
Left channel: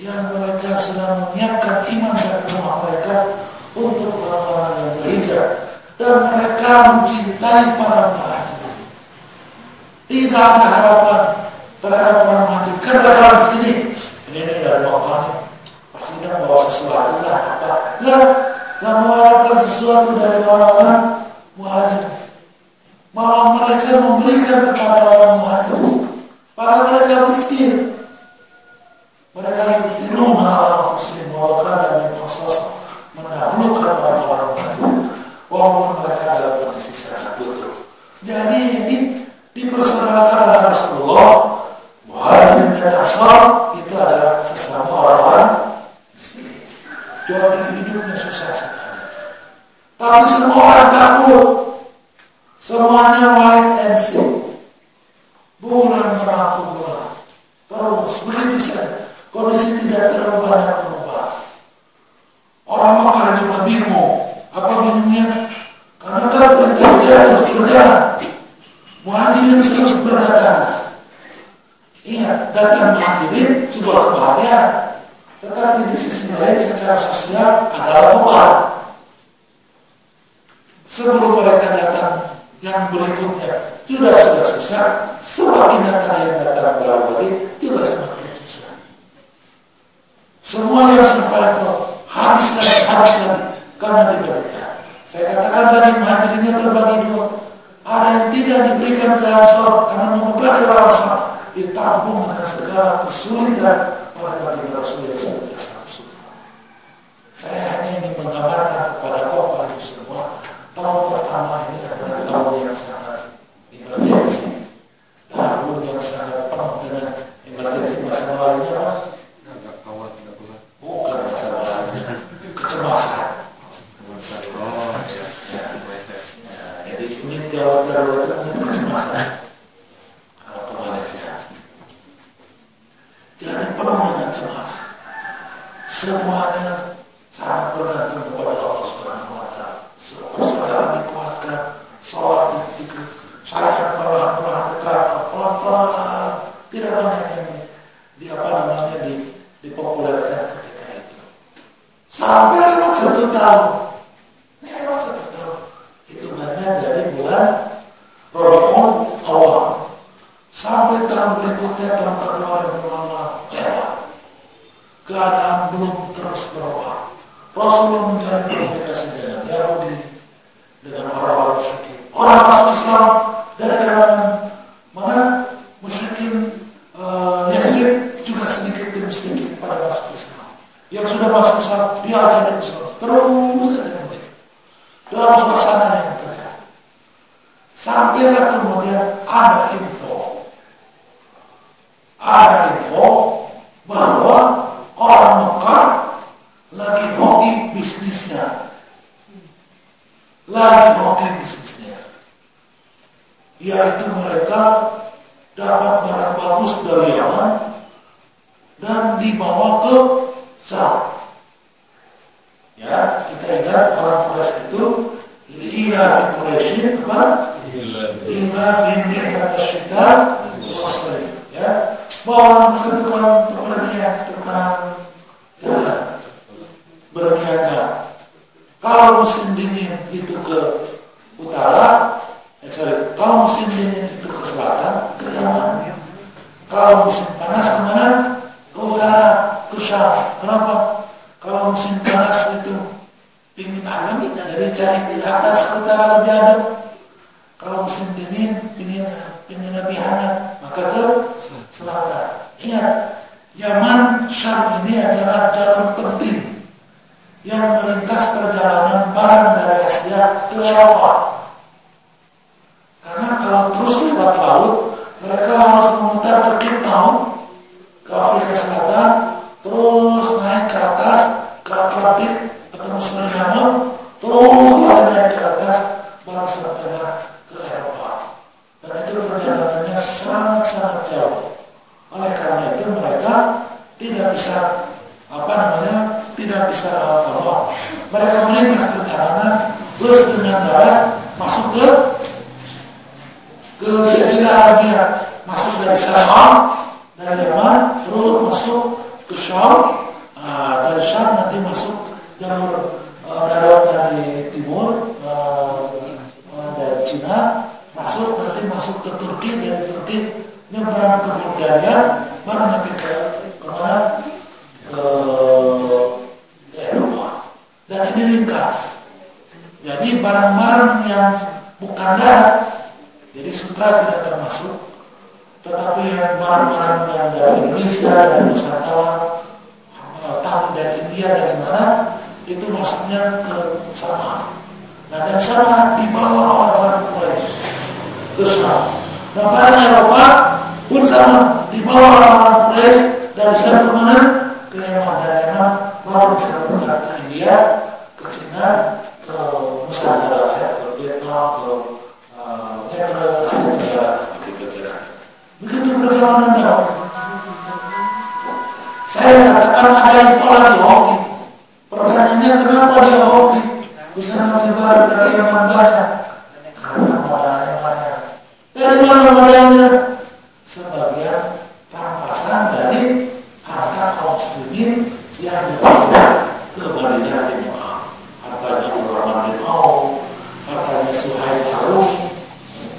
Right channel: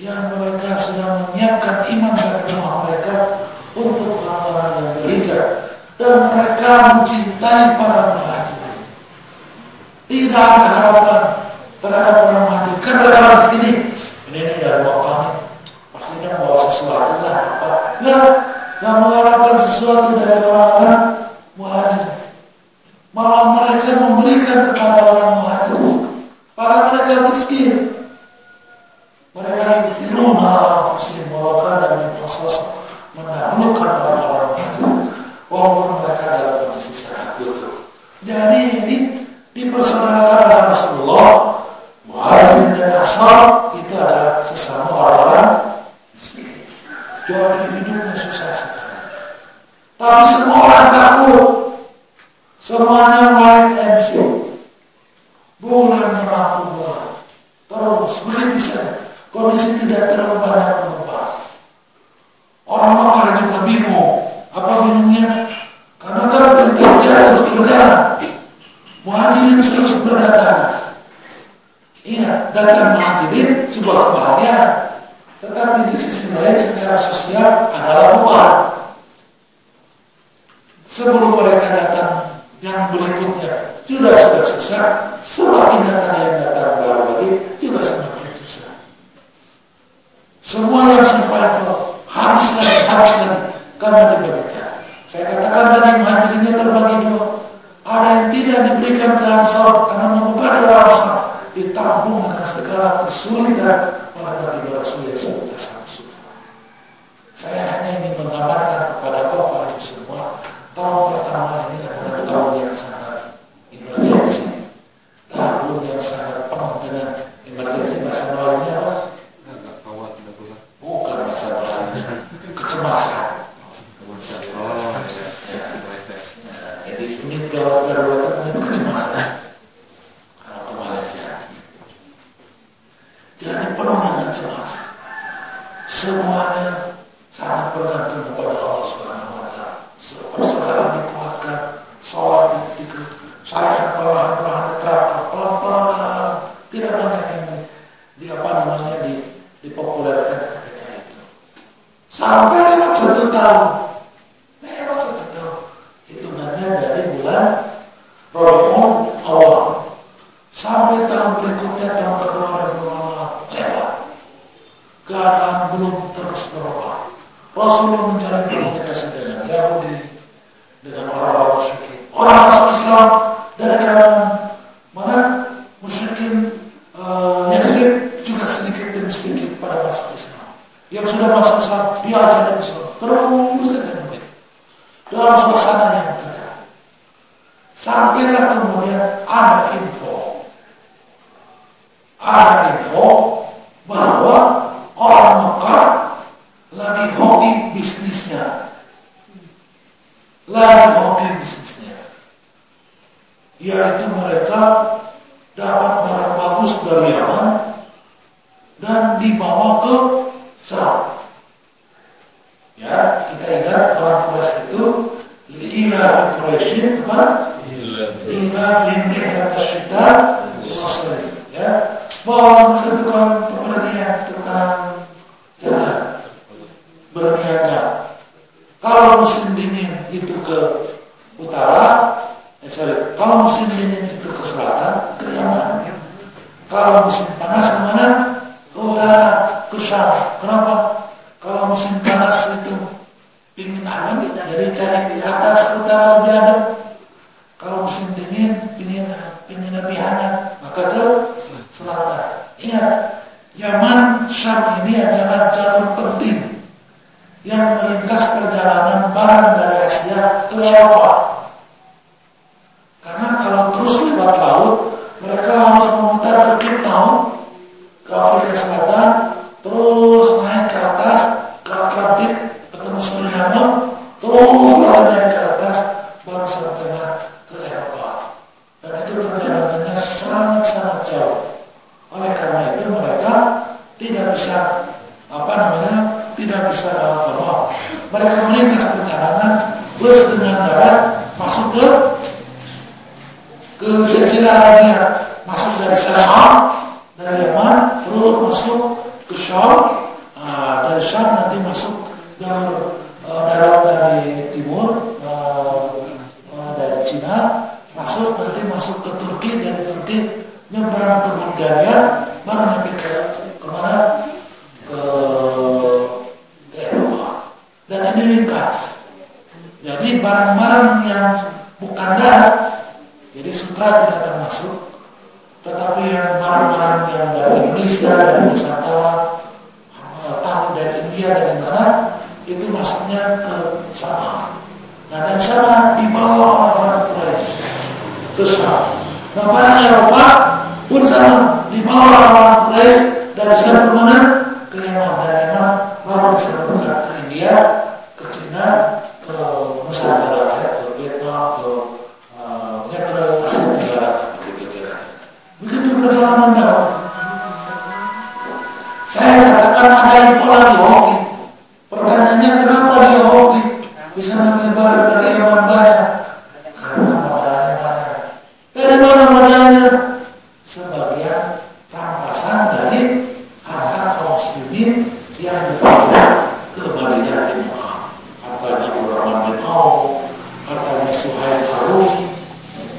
yang mereka sudah menyiapkan iman dan rumah mereka untuk orang-orang yang berhijrah, dan mereka mencintai para muhajirin. Tidak ada harapan terhadap orang muhajir. Kan dalam sini ini dari wakilnya pasti tidak bawa sesuatu lah apa? Nggak mengharapkan sesuatu dari orang-orang muhajir. Malah mereka memberikan kepada orang muhajir, para mereka miskin. Mereka yudhiruna ala anfusihim walau kana bihim khasasah, mendahulukan orang-orang muhajir walaupun mereka dalam kondisi sangat butuh. Jadi ini dipersaudarakan oleh Rasulullah. Muhajirin dan Ansar itu adalah sesama orang-orang miskin. Jadi hidupnya susah sekali. Tapi semua orang takut, semuanya wait and see. Bulan mengaku bulan, terus begitu saja. Kondisi tidak terlalu banyak perubahan. Orang Makkah juga bingung. Apa bingungnya? Karena kan perintah hijrah terus berjalan. Muhajirin terus berdatangan. Ingat, datang muhajirin sebuah kebahagiaan. Tetapi di sisi lain secara sosial adalah beban. Sebelum mereka datang yang berikutnya sudah susah. Semakin datang yang datang baru lagi juga semakin. Semua yang survival habis lagi karena dibagikan. Saya katakan tadi muhajirinnya terbagi dua. Ada yang tidak diberikan ke Ansar karena mengobati orang Ansar, ditampung dengan segala kesulitan para bagi Rasul yang sangat sufa. Saya hanya ingin menggambarkan kepada Bapak Ibu semua, tahun pertama ini adalah tahun yang sangat emergensi, tahun yang sangat penuh dengan emergensi. Bahasa Melayunya apa? Bukan bahasa Melayunya, kecemasan. Jadi unit gawat darurat itu kecemasan. Kalau ke Malaysia, jadi penuh dengan cemas. Semuanya sangat bergantung kepada Allah Subhanahu wa Ta'ala. Persaudaraan dikuatkan, sholat saya perlahan-lahan diterapkan, pelan-pelan, tidak banyak yang dipopulerkan ketika itu. Sampai lewat 1 tahun, hitungannya dari bulan Rabiul Awal sampai tahun berikutnya, tahun kedua Rabiul Awal lewat. Keadaan belum terus berubah. Rasulullah menjalin komunikasi dengan Yahudi, dengan orang-orang musyrikin, orang masuk Islam dari kalangan mana? Musyrikin Yathrib juga sedikit demi sedikit pada masuk Islam. Yang sudah masuk Islam diajarin Islam terus saja dalam suasana yang tegang. Sampailah kemudian ada info bahwa orang Mekah lagi hoki bisnisnya, yaitu mereka dapat barang bagus dari Yaman dan dibawa ke Syam. Ya, kita ingat orang Quraisy itu ila fi Quraisyin apa? Ila fi rihlat asy-syita was-sayf. Ya, bahwa tukang pepergian, tukang jalan berniaga. Kalau musim dingin itu ke utara, kalau musim dingin itu ke selatan, ke Yaman. Kalau musim panas kemana? Ke utara, ke Syam. Kenapa? Kalau musim panas itu pingin adem, jadi cari di atas utara lebih adem. Kalau musim dingin pingin lebih hangat, maka ke selatan. Ingat, Yaman Syam ini adalah jalur penting yang meringkas perjalanan barang dari Asia ke Eropa. Karena kalau terus lewat laut, mereka harus memutar ke Cape Town, ke Afrika Selatan, terus naik ke atas, ke Atlantik, ketemu Suriname, terus naik ke atas, baru sampailah ke Eropa. Dan itu perjalanannya sangat-sangat jauh. Oleh karena itu mereka tidak bisa mereka meringkas perjalanan plus dengan darat masuk ke Jazirah Arabia, masuk dari Sanaa dari Yaman, terus masuk ke Syam, dari Syam nanti masuk jalur darat dari timur, dari Cina, masuk ke Turki, dari Turki nyebrang ke Bulgaria, baru nanti ke kemana? Ke Eropa. Dan ini ringkas. Jadi barang-barang yang bukan darat, jadi sutra tidak termasuk, tetapi yang barang-barang yang dari Indonesia, dari Nusantara, tamu dari India, dari mana, itu masuknya ke Sama. Nah, dan Sama dibawa orang-orang Quraisy ke Syam. Nah, barang Eropa pun sama, dibawa orang-orang Quraisy dari sana ke mana? Ke Yaman. Dari Yaman baru bisa bukan ke India, ke Cina, ke Nusantara, ke Vietnam, ke Asia Tenggara, begitu perjalanan dakwah. Saya katakan ada info lagi hoki. Pertanyaannya kenapa dia hoki? Bisa ngambil barang dari Yaman banyak? Karena modalnya banyak. Dari mana modalnya? Sebagian rampasan dari harta kaum muslimin yang dihijrah ke Madinah di Mekah. Hartanya Abdurrahman bin Auf, hartanya Suhaib Ar-Rumi.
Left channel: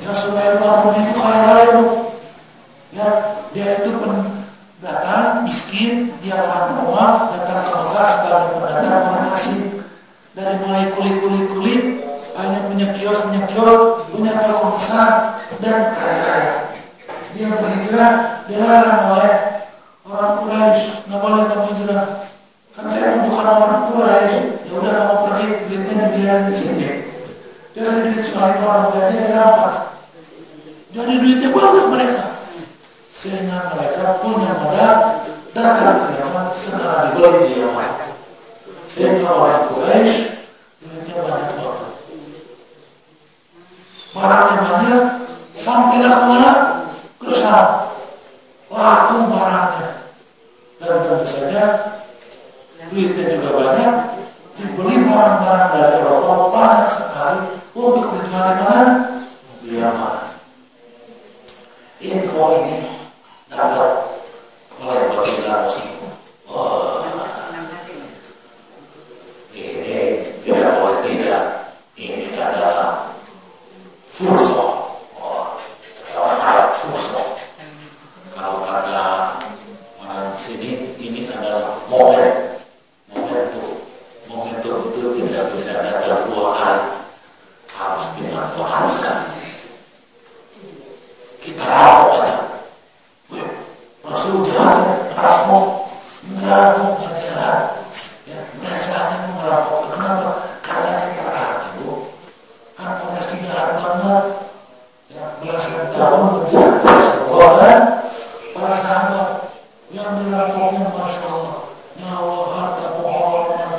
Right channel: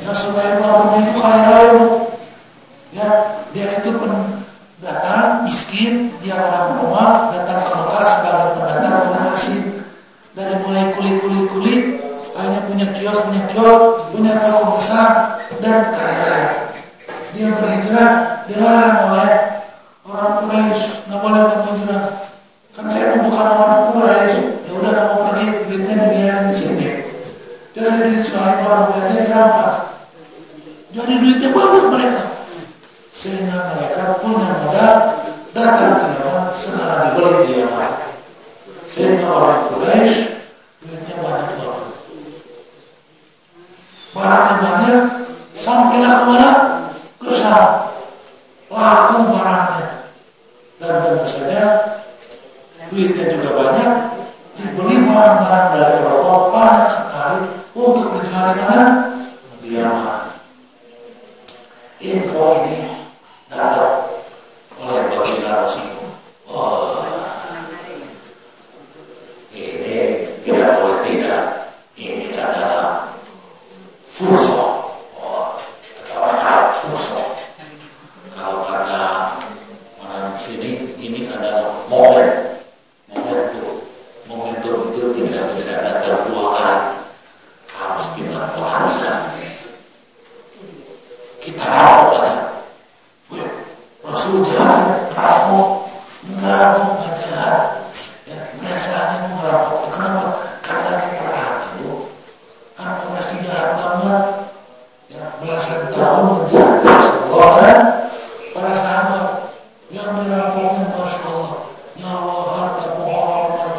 Ya, Suhaib Ar-Rumi itu kaya raya. Ya, dia itu pendatang miskin, dia orang Roma, datang ke Mekah sebagai pendatang asing. Dari mulai kuli, hanya punya kios, punya toko besar dan kaya raya. Dia berhijrah, dilarang oleh orang Quraisy, nggak boleh kamu hijrah. Kan saya bukan orang Quraisy, ya udah kamu pergi, duitnya dibiarin di sini. Jadi duit Suhaib Ar-Rumi dirampas. Jadi duitnya banyak mereka, sehingga mereka punya modal datang ke Yaman, segera dibeli di Yaman. Sehingga orang Quraisy duitnya banyak banget. Barangnya banyak, sampailah kemana? Ke Syam. Laku barangnya. Dan tentu saja duitnya juga banyak, dibeli barang-barang dari Eropa banyak sekali untuk dijual di mana? Di Yaman. Info ini dapat oleh baginda Rasulullah. Ini tidak boleh tidak. Ini adalah fursa. Kalau kata orang sini, ini adalah momentum. Momentum itu tidak bisa datang dua kali, harus dilakukan sekali. Kita rampok aja. Wih, Rasul jahat, ngerampok jahat. Ya, merasa aja mau ngerampok. Kenapa? Karena lagi perang, Ibu. Kan Quraisy jahat banget. Ya, belasan tahun menjahat Rasulullah kan? Para sahabat yang dirampoknya, Masya Allah, nyawa, harta, penghormatan,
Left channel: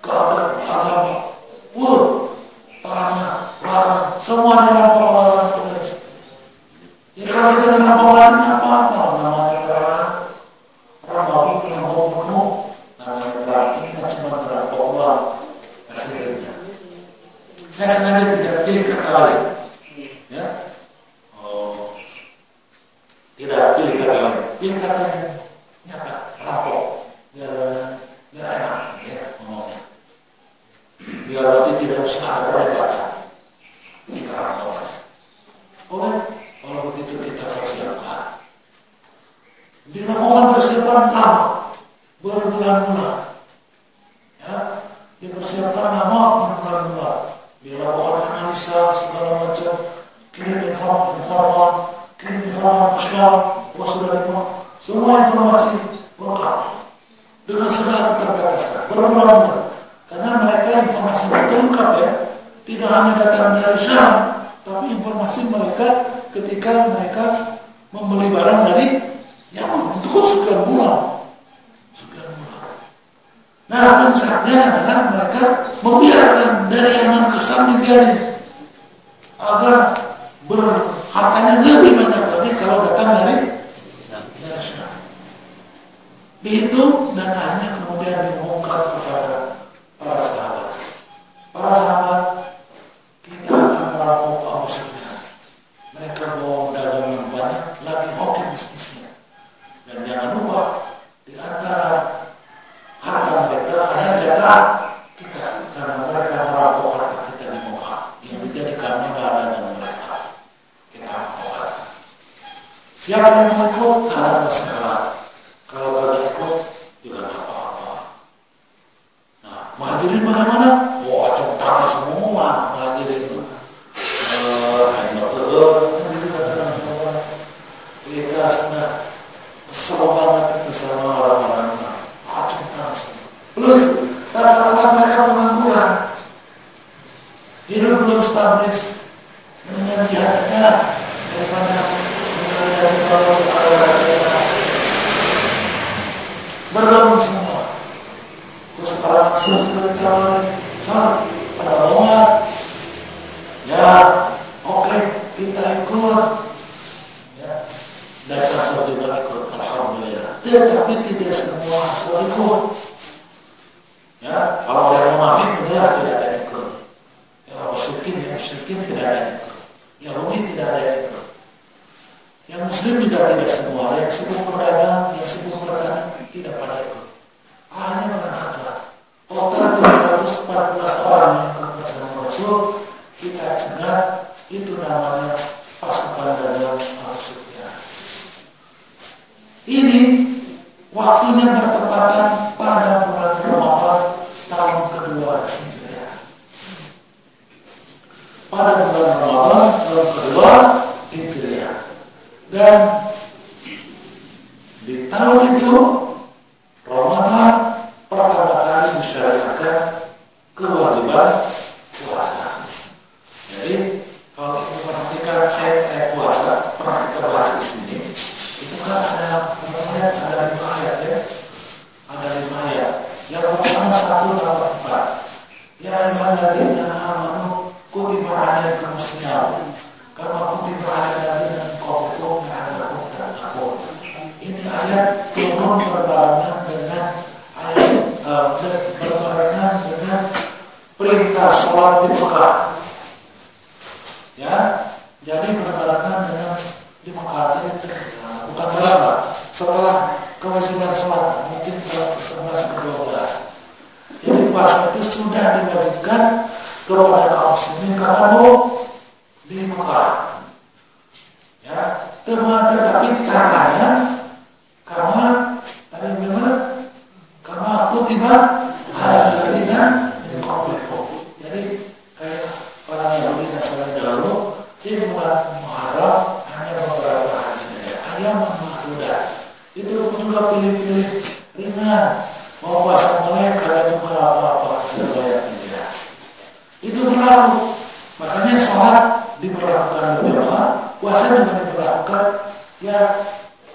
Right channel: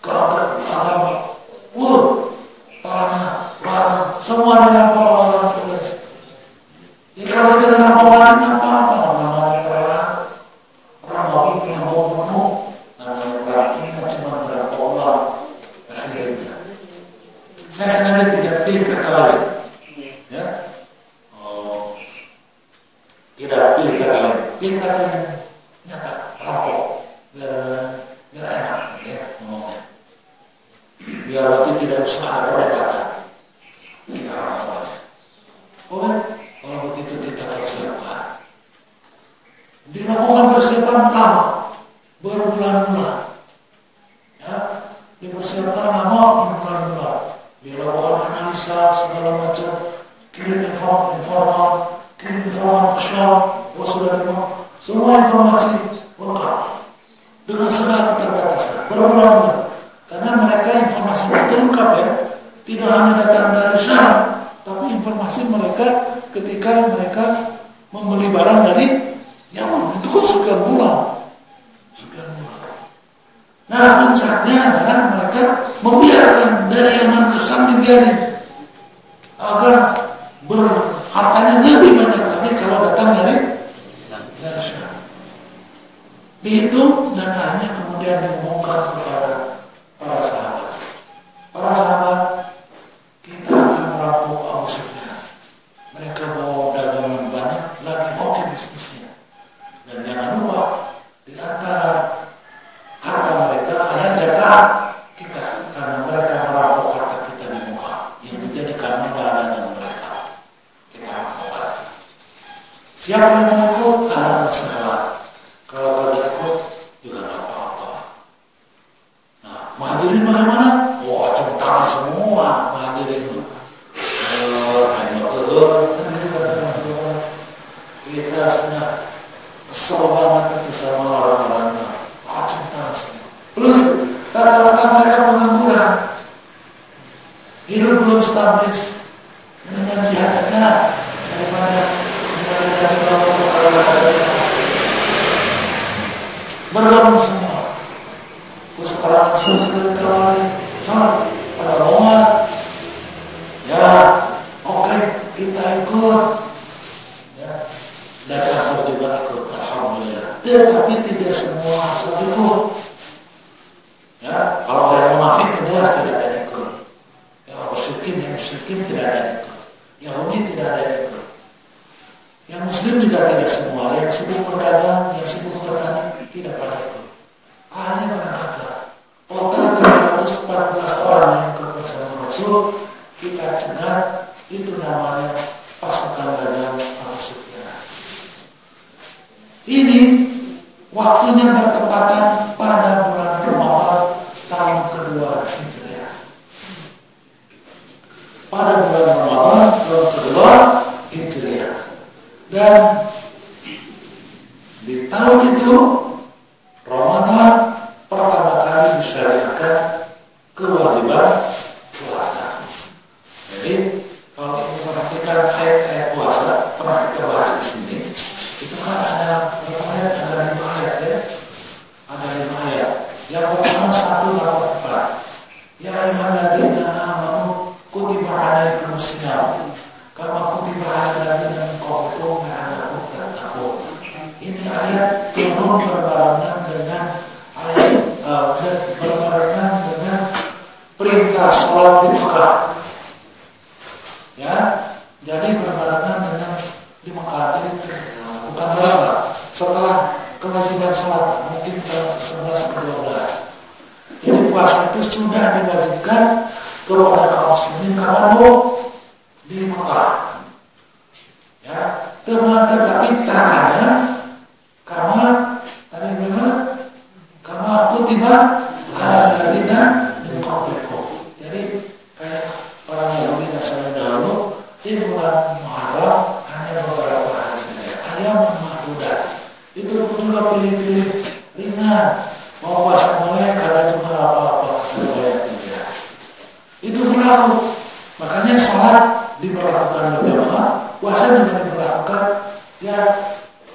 agama, tanah, barang, semua dirampok oleh orang Quraisy. Ya, kalau kita dirampok lagi apa-apa, namanya perang. Orang mau bunuh, namanya perang. Ini cuma dirampok uang hasilnya. Saya sengaja tidak pilih kata lain. Ya, tidak pilih kata lain, pilih kata yang nyata, rampok, biar enak ya ngomongnya, biar nanti tidak usah ada perdebatan. Kita rampok aja. Oke, kalau begitu kita persiapkan. Dilakukan persiapan lama, berbulan-bulan. Ya, dipersiapkan lama. pulsa segala macam, kirim informan ke Syam, sudah dimana, semua informasi lengkap dengan segala keterbatasan berbulan-bulan, karena mereka informasi mereka lengkap ya, tidak hanya datang dari Syam, tapi informasi mereka ketika mereka membeli barang dari Yaman itu kan sekian bulan. Nah, puncaknya adalah mereka membiarkan dari Yaman ke Syam dibiarin agar hartanya lebih banyak lagi kalau datang dari Syam. Dihitung dan akhirnya kemudian diumumkan kepada para sahabat. Para sahabat, kita akan merampok Abu Sufyan. Mereka bawa dagangan banyak, lagi hoki bisnisnya. Dan jangan lupa di antara harta mereka ada jagaan kita, karena mereka merampok harta kita di Mekah yang dijadikan modal dagang mereka. Kita rampok aja. Siapa yang mau ikut? Ada masalah. Kalau kagak ikut juga nggak apa-apa. Nah, Muhajirin bagaimana? Wah, acung tangan semua Muhajirin. Kita sudah kesel banget itu sama orang-orangnya. Acung tangan semua. Plus rata-rata mereka pengangguran, hidup belum stabil. Mendingan jihad aja daripada jadi kalau bergabung semua. Terus sekarang langsung kita ditawarin, soal pada mau ya, oke, kita ikut ya. Dan asal juga ikut, alhamdulillah. Tetapi tidak semua asal ikut ya. Kalau orang munafik jelas tidak ada ikut ya. Musyrikin tidak ada ikut, Yahudi tidak ada ikut, yang Muslim juga tidak semua, yang sibuk berdagang, yang sibuk bertani tidak pada ikut. Hanya berangkatlah. Total 314 orang yang ikut bersama Rasul, kita cegat, itu namanya pasukan dagang Abu Sufyan. Ini waktunya bertepatan pada bulan Ramadan tahun kedua Hijriah. Pada bulan Ramadan tahun kedua Hijriah. Dan di tahun itu Ramadan pertama kali disyariatkan kewajiban puasa. Jadi kalau kita perhatikan ayat-ayat puasa pernah kita bahas di sini, itu kan ada berapa ayat? Ada 5 ayat ya. Ada 5 ayat. Yang pertama 184. Ya ayyuhalladzina amanu kutiba alaikumusiyam kama kutiba alal ladzina min qablikum la'allakum tattaqun. Ini ayat turun berbarengan dengan perintah sholat di Mekah. Ya, jadi berbarengan dengan di Mekah. Jadi bukan barengan. Setelah kewajiban sholat, mungkin tahun ke-11 ke-12. Jadi puasa itu sudah diwajibkan kepada kaum muslimin kapan di Mekah. Ya, tetapi caranya kama tadi bagaimana? Kama kutiba ala ladzina min qablikum. Jadi kayak orang Yahudi Nasrani dahulu di bulan Muharram hanya beberapa hari saja, ayam mahdudat. Itu juga pilih-pilih ringan. Mau puasa boleh, kagak juga apa-apa, sesuai tidak. Itu berlaku. Makanya sholat diberlakukan berjamaah, puasa juga diberlakukan ya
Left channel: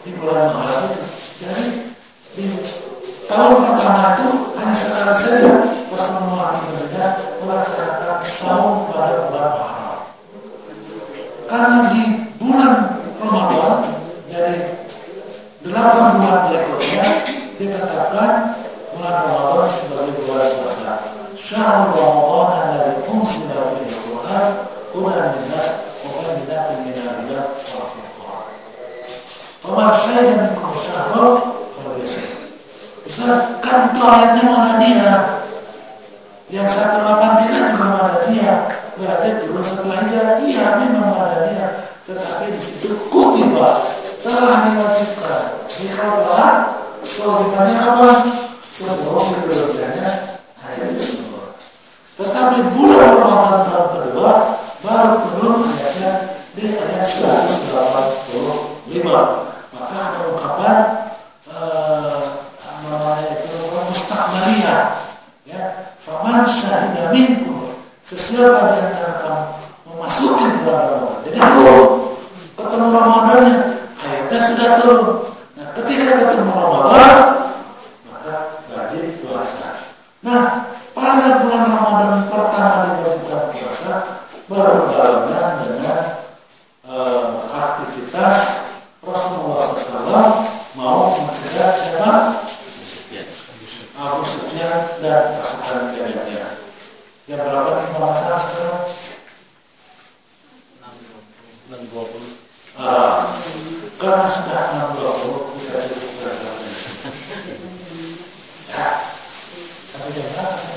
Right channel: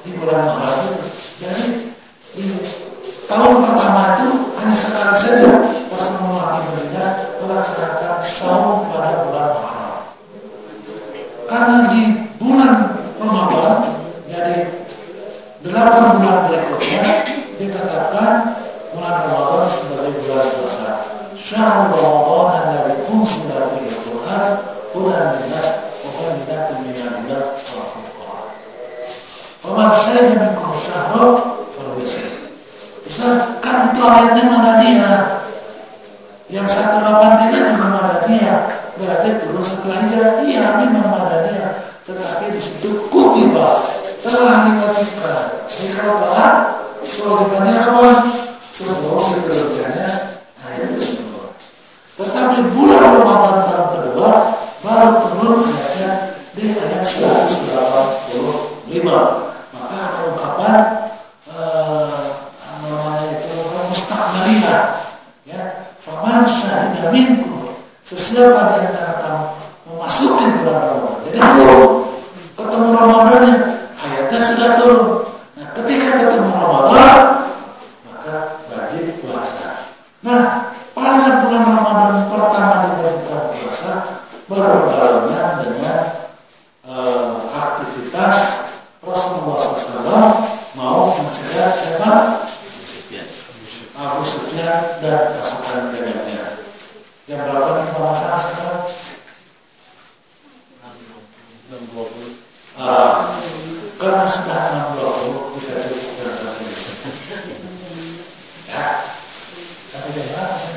di bulan Muharram itu. Jadi di tahun pertama itu hanya sekali saja Rasulullah melaksanakan saum pada bulan Muharram. Karena di bulan Ramadan, jadi 8 bulan berikutnya ditetapkan bulan Ramadan sebagai bulan puasa. Syahrul Ramadan alladzi unzila fihi al-Qur'an hudan lin-nas wa bayyinatin minal huda wal furqan. Faman syahida minkum ash-shahra falyasum. Ustaz, kan itu ayatnya Madaniyah. Yang 183 juga Madaniyah. Berarti turun setelah Hijrah. Iya, memang Madaniyah. Tetapi di situ kutiba, telah diwajibkan. Ini kalau telah, kewajibannya apa? Sebelum diturunkannya ayat itu semua. Tetapi bulan Ramadan tahun kedua berbarengan dengan aktivitas Rasulullah SAW mau mencegah siapa? Abu Sufyan dan pasukan dengannya. Jam berapa kita masalah sekarang? 6.20. Karena sudah 6.20 kita cukupkan saja. Ya. Sampai jam berapa saya?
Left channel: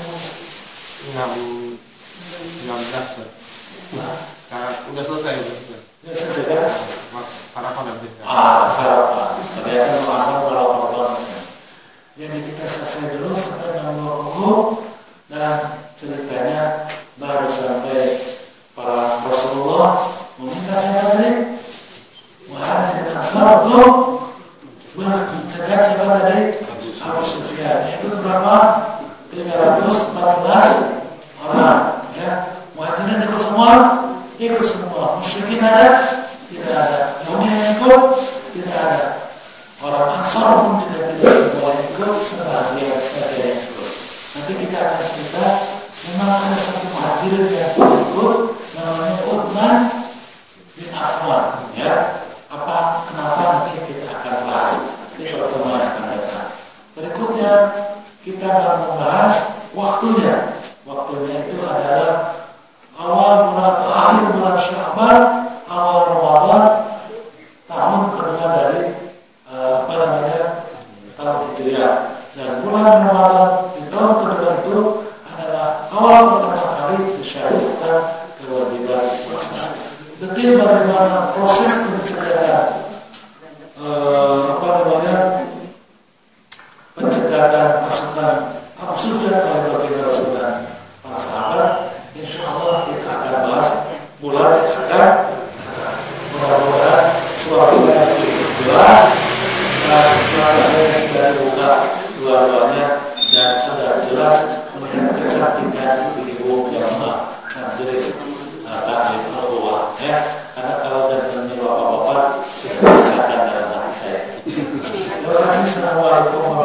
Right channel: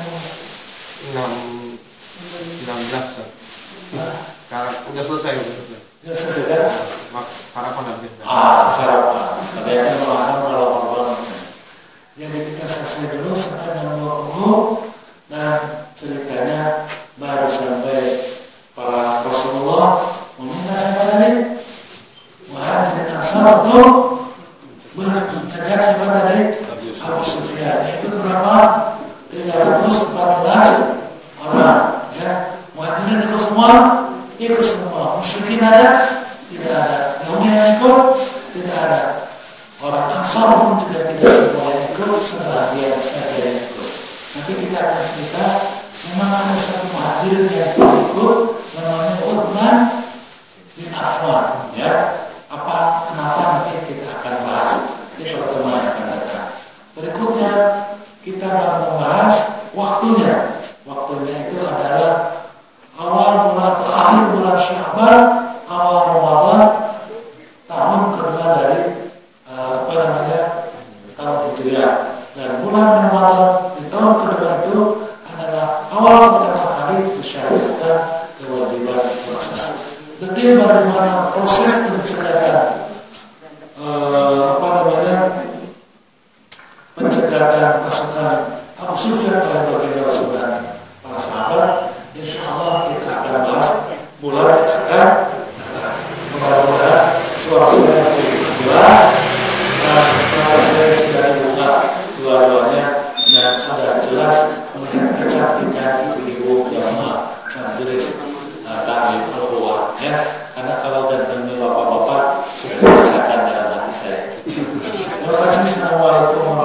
16. Nah, udah selesai. Ya selesai kan? Sarapan nanti. Sarapan. Kalian merasa kalau bangunnya. Jadi kita selesai dulu sampai 6.20 dan ceritanya baru sampai para Rasulullah meminta siapa tadi? Muhajirin Ansar untuk mencegah siapa tadi? Abu Sufyan. Itu berapa? 314 orang. Ya, Muhajirin ikut semua? Ikut semua. Musyrikin ada? Tidak ada. Yahudi yang ikut? Tidak ada. Orang Ansar pun juga tidak semua yang ikut, sebagian saja yang ikut. Nanti kita akan cerita, memang ada satu muhajirin yang ikut, namanya Uthman bin Affan. Ya, kenapa nanti kita akan bahas di pertemuan yang akan datang. Berikutnya kita akan membahas waktunya. Waktunya itu adalah awal bulan atau akhir bulan Sya'ban, awal Ramadan, tahun kedua dari tahun Hijriah. Dan bulan Ramadan di tahun kedua itu adalah awal pertama kali disyariatkan kewajiban puasa. Detil bagaimana proses pencegatan pencegatan pasukan Abu Sufyan oleh baginda Rasul dan para sahabat, insya Allah kita akan bahas bulan yang akan datang. Mudah-mudahan suara saya jelas dan mata saya sudah dibuka dua-duanya dan sudah jelas melihat kecantikan ibu-ibu jamaah majelis taklim al-Quwah. Karena kalau datangnya bapak-bapak sudah dirasakan dalam hati saya. Terima kasih. Assalamualaikum